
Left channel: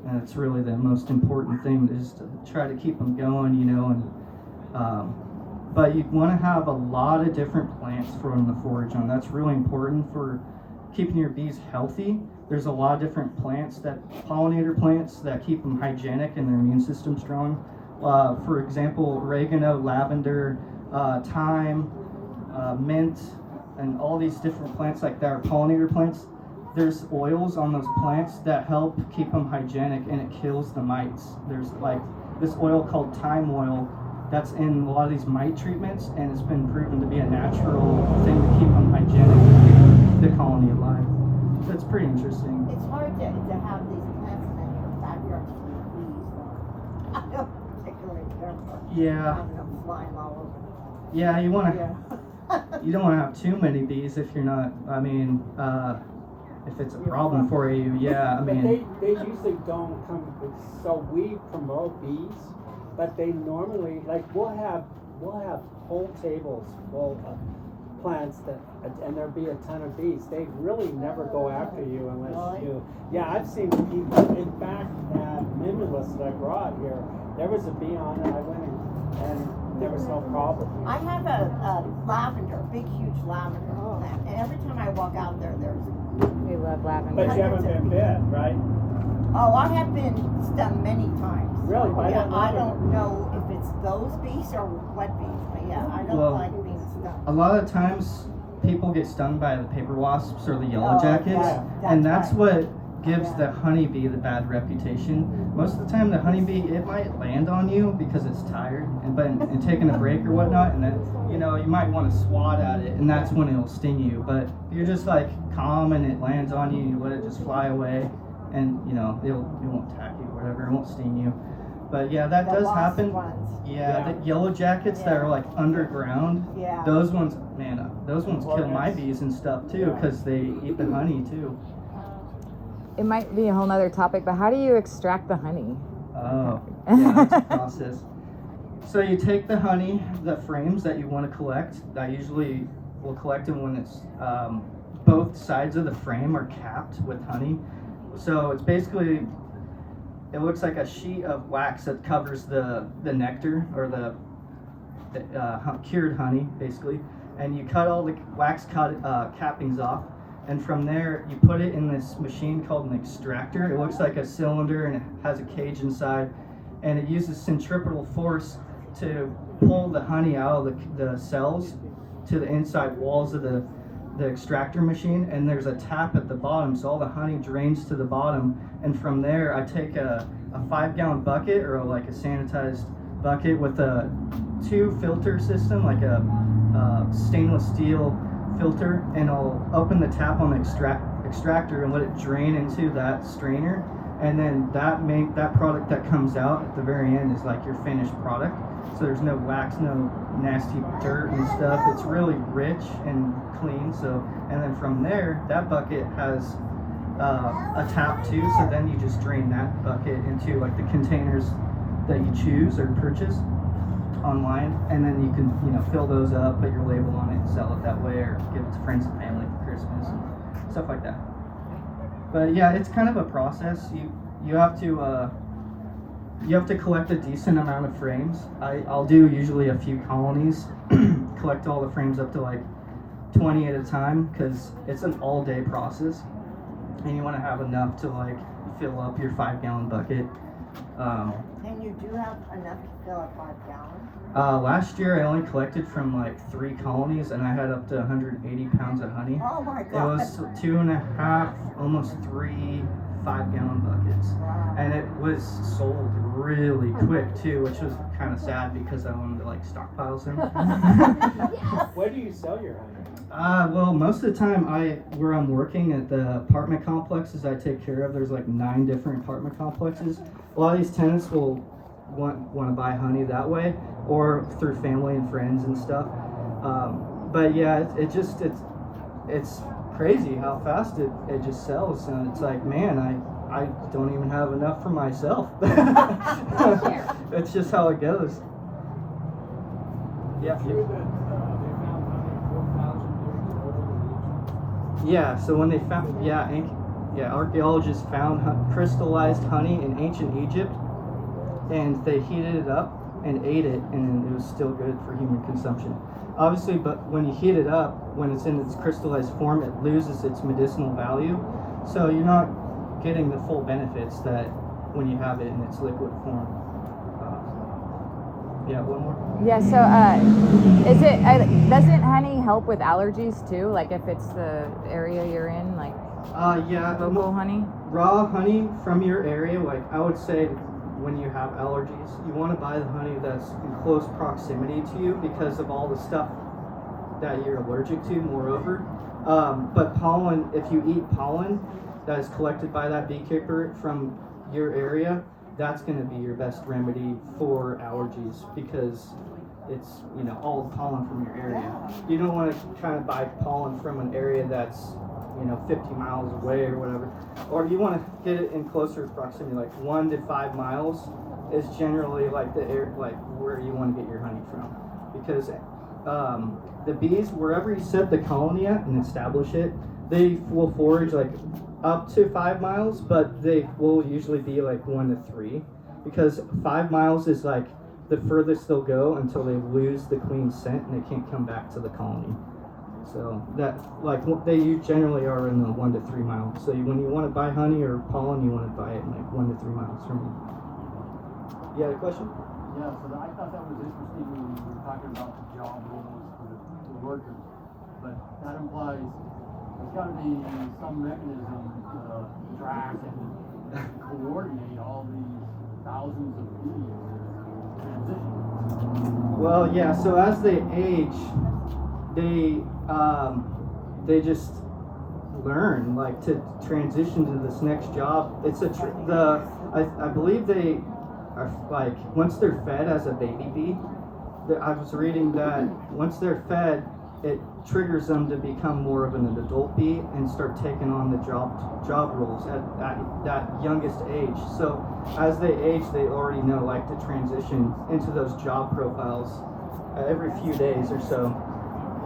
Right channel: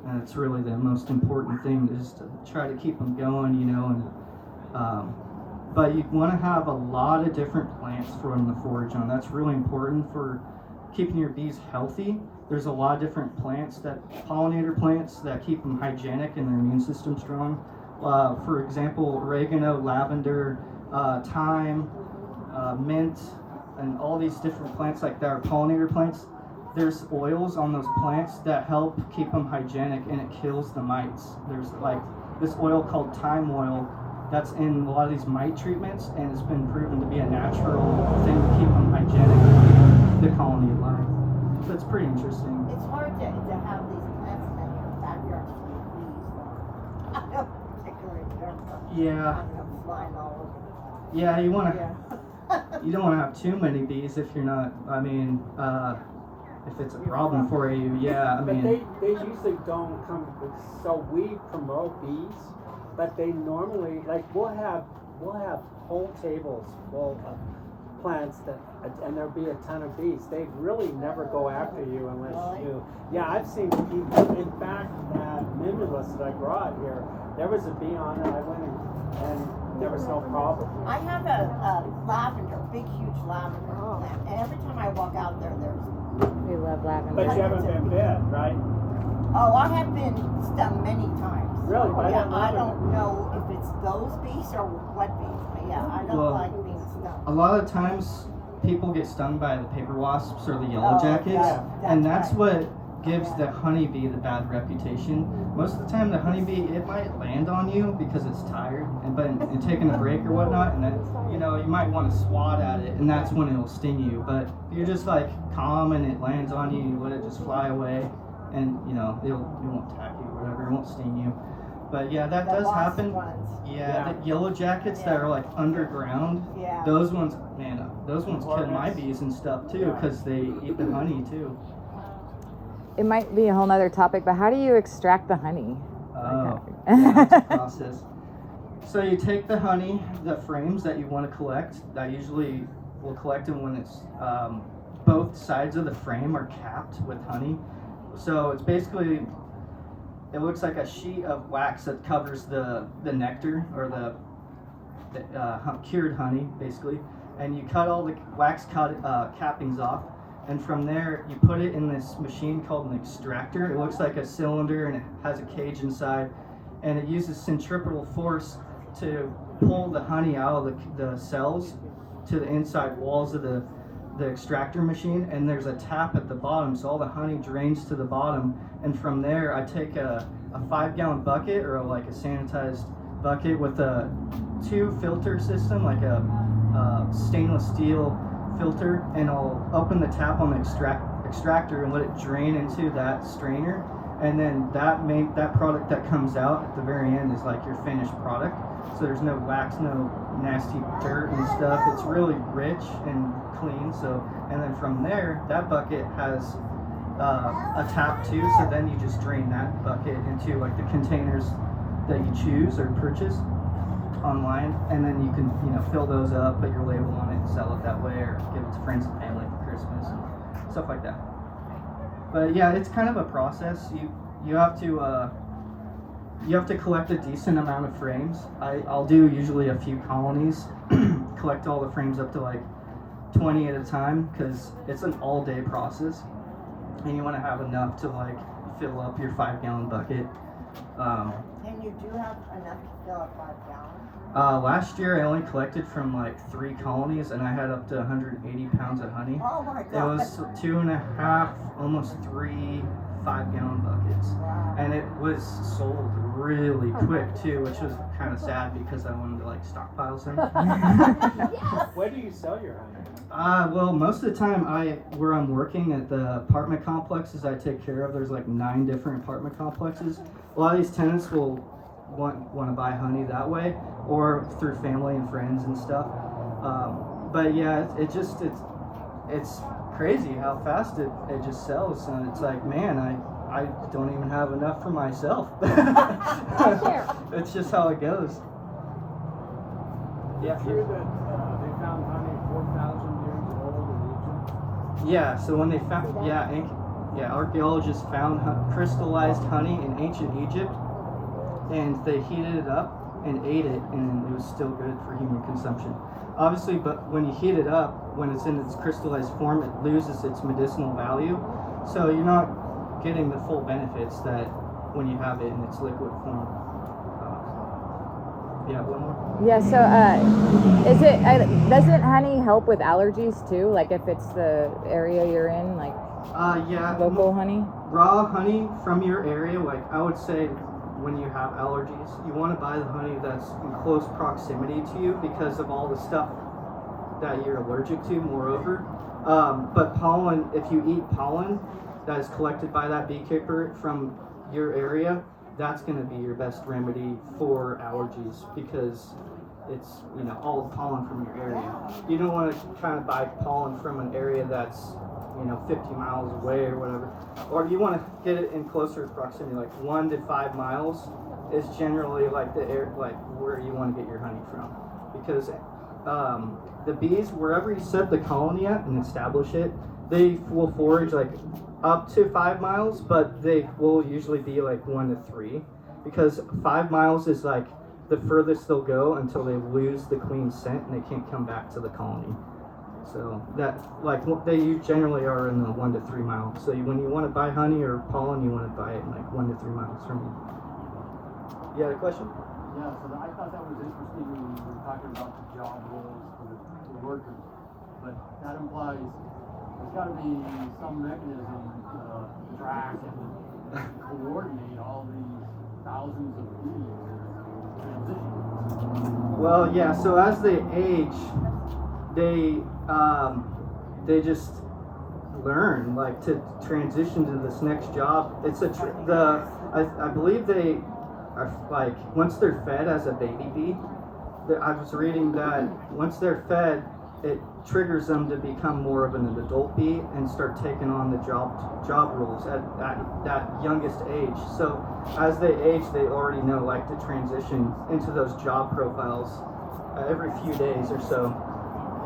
And it's really the most important thing, is to try to keep them going, but you want to have a lot of different plants for them to forage on. That's really important for keeping your bees healthy. There's a lot of different plants, pollinator plants, that keep them hygienic and their immune system strong. For example, oregano, lavender, thyme, mint, and all these different plants like that are pollinator plants. There's oils on those plants that help keep them hygienic, and it kills the mites. There's this oil called thyme oil that's in a lot of these mite treatments, and it's been proven to be a natural thing to keep them hygienic and keep the colony alive. So it's pretty interesting. It's hard to have these plants in your backyard full of bees, though. I don't particularly care for Yeah. having them flying all over. Yeah, you want to. Yeah. You don't want to have too many bees if you're not. If it's a problem for you, But they usually don't come. So we promote bees, but they normally we'll have whole tables full of plants and there'll be a ton of bees. They really never go after you unless you. Yeah, I've seen people. In fact, at Mimulus that I brought here, there was a bee on it. I went and there was no problem. I have a lavender, big, huge lavender plant, and every time I walk out there, there's. We love lavender. But you haven't been bit, right? Oh, I have been stung many times. Really? I don't know if it's those bees or what bees, but I don't like being stung. A lot of times people get stung by the paper wasps or the yellow jackets, and that's right. what gives the honeybee the bad reputation. Most of the time the honeybee, it might land on you because it's tired and taking a break or whatnot, and then you might want to swat at it, and that's when it'll sting you. But if you're just calm and it lands on you, you let it just fly away, and it won't attack you or whatever, it won't sting you. But that does happen. The yellow jackets that are underground, those ones kill my bees and stuff too, because they eat the honey too. it might be a whole nother topic, but how do you extract the honey? Oh, yeah, that's a process. So you take the honey, the frames that you want to collect. I usually will collect them when it's both sides of the frame are capped with honey. So it's basically, it looks like a sheet of wax that covers the nectar or the cured honey, basically. And you cut all the wax cappings off. And from there, you put it in this machine called an extractor. It looks like a cylinder and it has a cage inside. And it uses centripetal force to pull the honey out of the cells to the inside walls of the extractor machine. And there's a tap at the bottom, so all the honey drains to the bottom. And from there, I take a 5-gallon bucket or like a sanitized bucket with a 2 filter system, like a stainless steel filter, and I'll open the tap on the extractor and let it drain into that strainer, and then that product that comes out at the very end is like your finished product. So there's no wax, no nasty dirt and stuff. It's really rich and clean. So, and then from there, that bucket has a tap too. So then you just drain that bucket into like the containers that you choose or purchase online, and then you can fill those up, put your label on it, and sell it that way, or give it to friends and family for Christmas and stuff like that. But yeah, it's kind of a process. You have to collect a decent amount of frames. I'll do usually a few colonies, collect all the frames up to like 20 at a time, because it's an all-day process, and you want to have enough to like fill up your 5-gallon bucket. And you do have enough to fill up 5 gallons? Last year I only collected from like 3 colonies, and I had up to 180 pounds of honey. Oh my It God. was 2.5, almost 3 5-gallon buckets. Wow. And it was sold really quick too, which was kind of sad because I wanted to like stockpile some. Where do you sell your honey? Well, most of the time where I'm working at the apartment complexes I take care of, there's like 9 different apartment complexes. A lot of these tenants will want to buy honey that way, or through family and friends and stuff. But yeah, it's crazy how fast it just sells, and it's like, man, I don't even have enough for myself. It's just how it goes. Yeah. True that they found honey 4,000 years old in Egypt? Yeah. So when they found, archaeologists found crystallized honey in ancient Egypt, and they heated it up and ate it, and it was still good for human consumption. Obviously, but when you heat it up, when it's in its crystallized form, it loses its medicinal value. So you're not getting the full benefits that when you have it in its liquid form. Yeah, one more. Yeah, so doesn't honey help with allergies too? Like if it's the area you're in, like Yeah. local honey? Raw honey from your area, like I would say when you have allergies, you want to buy the honey that's in close proximity to you because of all the stuff that you're allergic to, moreover. But pollen, if you eat pollen that is collected by that beekeeper from your area, that's going to be your best remedy for allergies, because it's all pollen from your area. You don't want to kind of buy pollen from an area that's 50 miles away or whatever, or you want to get it in closer proximity, like 1 to 5 miles is generally like the air, like where you want to get your honey from, because the bees, wherever you set the colony at and establish it, they will forage like up to 5 miles, but they will usually be like 1 to 3, because 5 miles is like the furthest they'll go until they lose the queen scent and they can't come back to the colony. So that, like, they generally are in the 1 to 3 miles. So when you want to buy honey or pollen, you want to buy it in like 1 to 3 miles from you. You had a question? Yeah, so I thought that was interesting when you were talking about the job roles for the workers. But that implies there's got to be some mechanism to track and coordinate all these thousands of bees transition. Well, yeah. So as they age, they just learn like to transition to this next job. It's I believe they are like, once they're fed as a baby bee, I was reading that once they're fed it triggers them to become more of an adult bee and start taking on the job roles at that youngest age. So as they age, they already know like to transition into those job profiles every few days or so.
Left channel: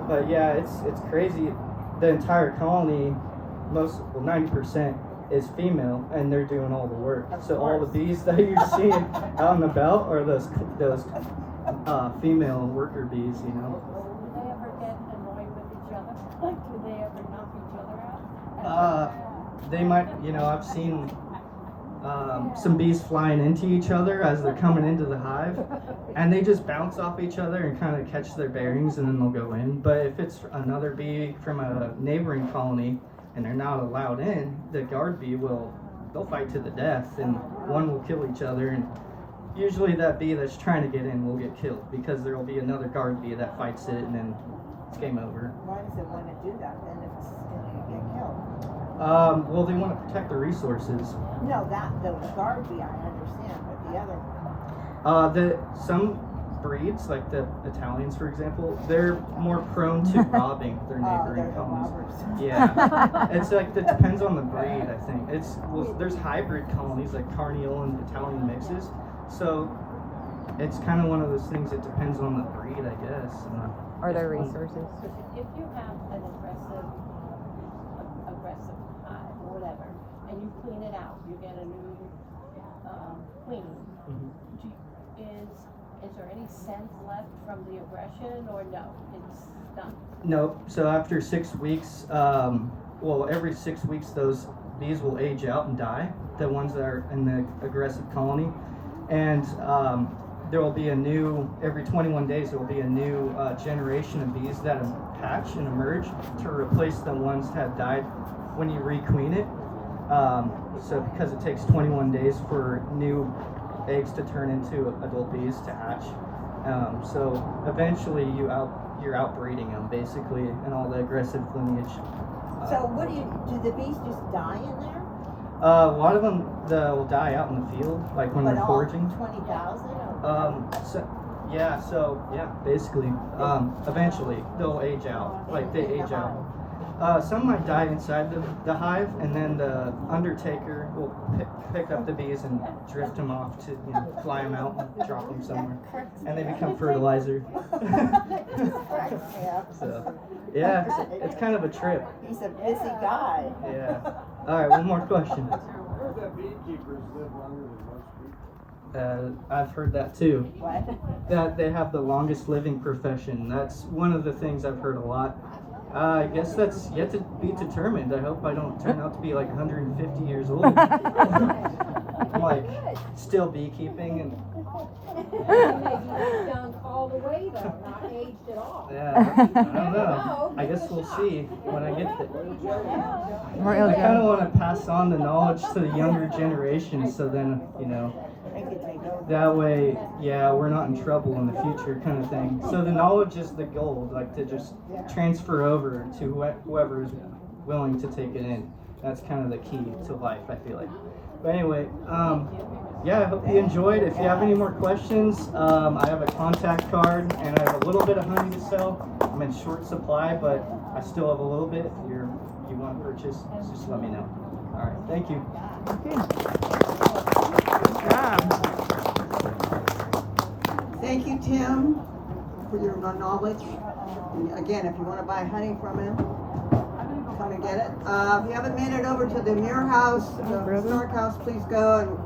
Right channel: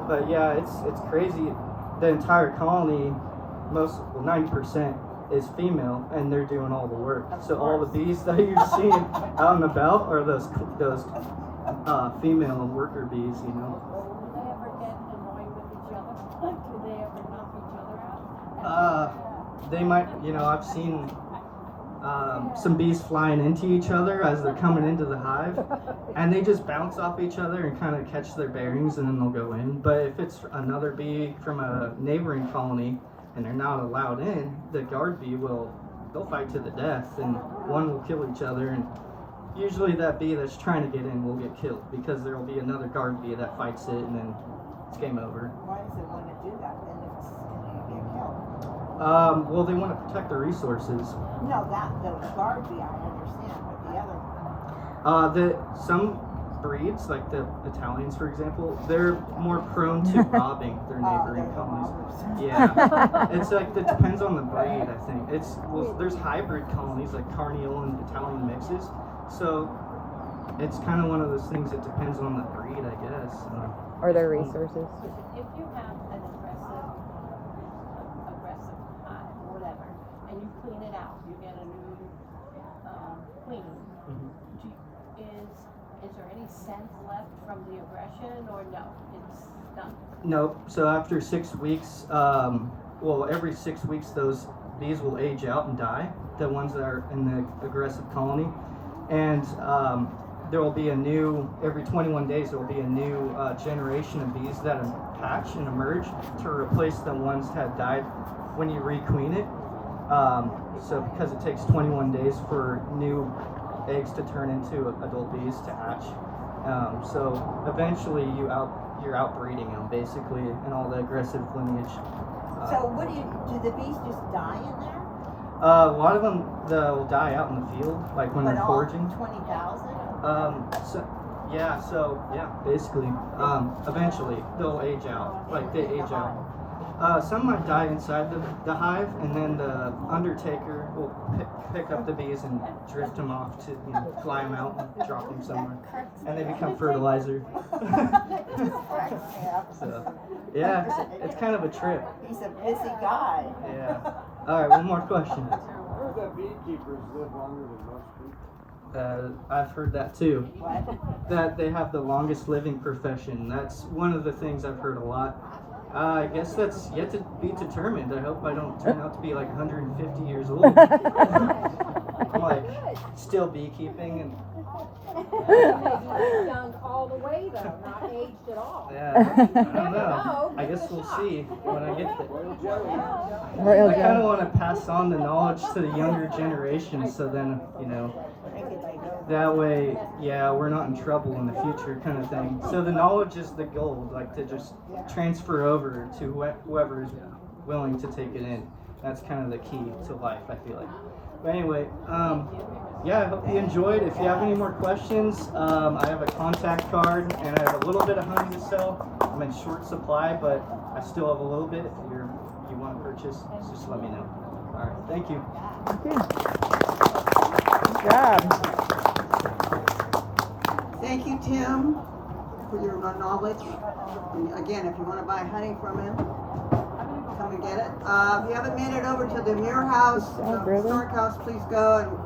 But yeah, it's crazy. The entire colony, 90% is female, and they're doing all the work. So all the bees that you're seeing out and about are those female worker bees, you know. Do they ever get annoyed with each other? Do they ever knock each other out? They might, you know, I've seen some bees flying into each other as they're coming into the hive, and they just bounce off each other and kind of catch their bearings, and then they'll go in. But if it's another bee from a neighboring colony and they're not allowed in, the guard bee they'll fight to the death, and one will kill each other, and usually that bee that's trying to get in will get killed because there will be another guard bee that fights it, and then it's game over. Why does it want to do that then if it's going to get killed? Well, they want to protect the resources. No, the guard bee I understand, but the other one. Some breeds, like the Italians, for example, they're more prone to robbing their neighboring they're the colonies. robbers. Yeah, it's like it depends on the breed. I think there's hybrid colonies like Carniole and Italian mixes, so it's kind of one of those things. It depends on the breed, I guess. Or their resources. If you have an aggressive hive or whatever, and you clean it out, you get a new queen. Mhm. Is there any scent left from the aggression, or no? It's done. Nope. So after 6 weeks, every 6 weeks, those bees will age out and die. The ones that are in the aggressive colony, and there will be every 21 days, there will be a new generation of bees that hatch and emerge to replace the ones that had died when you requeen it. So because it takes 21 days for new eggs to turn into adult bees to hatch. So eventually you're outbreeding them basically in all the aggressive lineage. So do the bees just die in there? A lot of them they'll die out in the field, like when they're foraging. 20,000? Basically. Eventually they'll age out, like they age out. Some might die inside the hive, and then the undertaker will pick up the bees and drift them off to fly them out and drop them somewhere, and they become fertilizer. So, yeah, it's kind of a trip. He's a busy guy. Yeah. All right, one more question. Heard that beekeepers live longer than most people. I've heard that too. What? That they have the longest living profession. That's one of the things I've heard a lot. I guess that's yet to be determined. I hope I don't turn out to be like 150 years old. I'm like still beekeeping and. Maybe young all the way though, not aged at all. Yeah, I don't know. I guess we'll see when I get there. Royal I kind Joe. of want to pass on the knowledge to the younger generation, so then that way, we're not in trouble in the future, kind of thing. So the knowledge is the goal, like to just transfer over to whoever is willing to take it in. That's kind of the key to life, I feel like. But anyway, I hope you enjoyed. If you have any more questions, I have a contact card and I have a little bit of honey to sell. I'm in short supply, but I still have a little bit. If you want to purchase, just let me know. All right, thank you. Good job. Thank you, Tim, for your knowledge. And again, if you want to buy honey from him, come and get it. If you haven't made it over to the Murer House, the historic house, please go and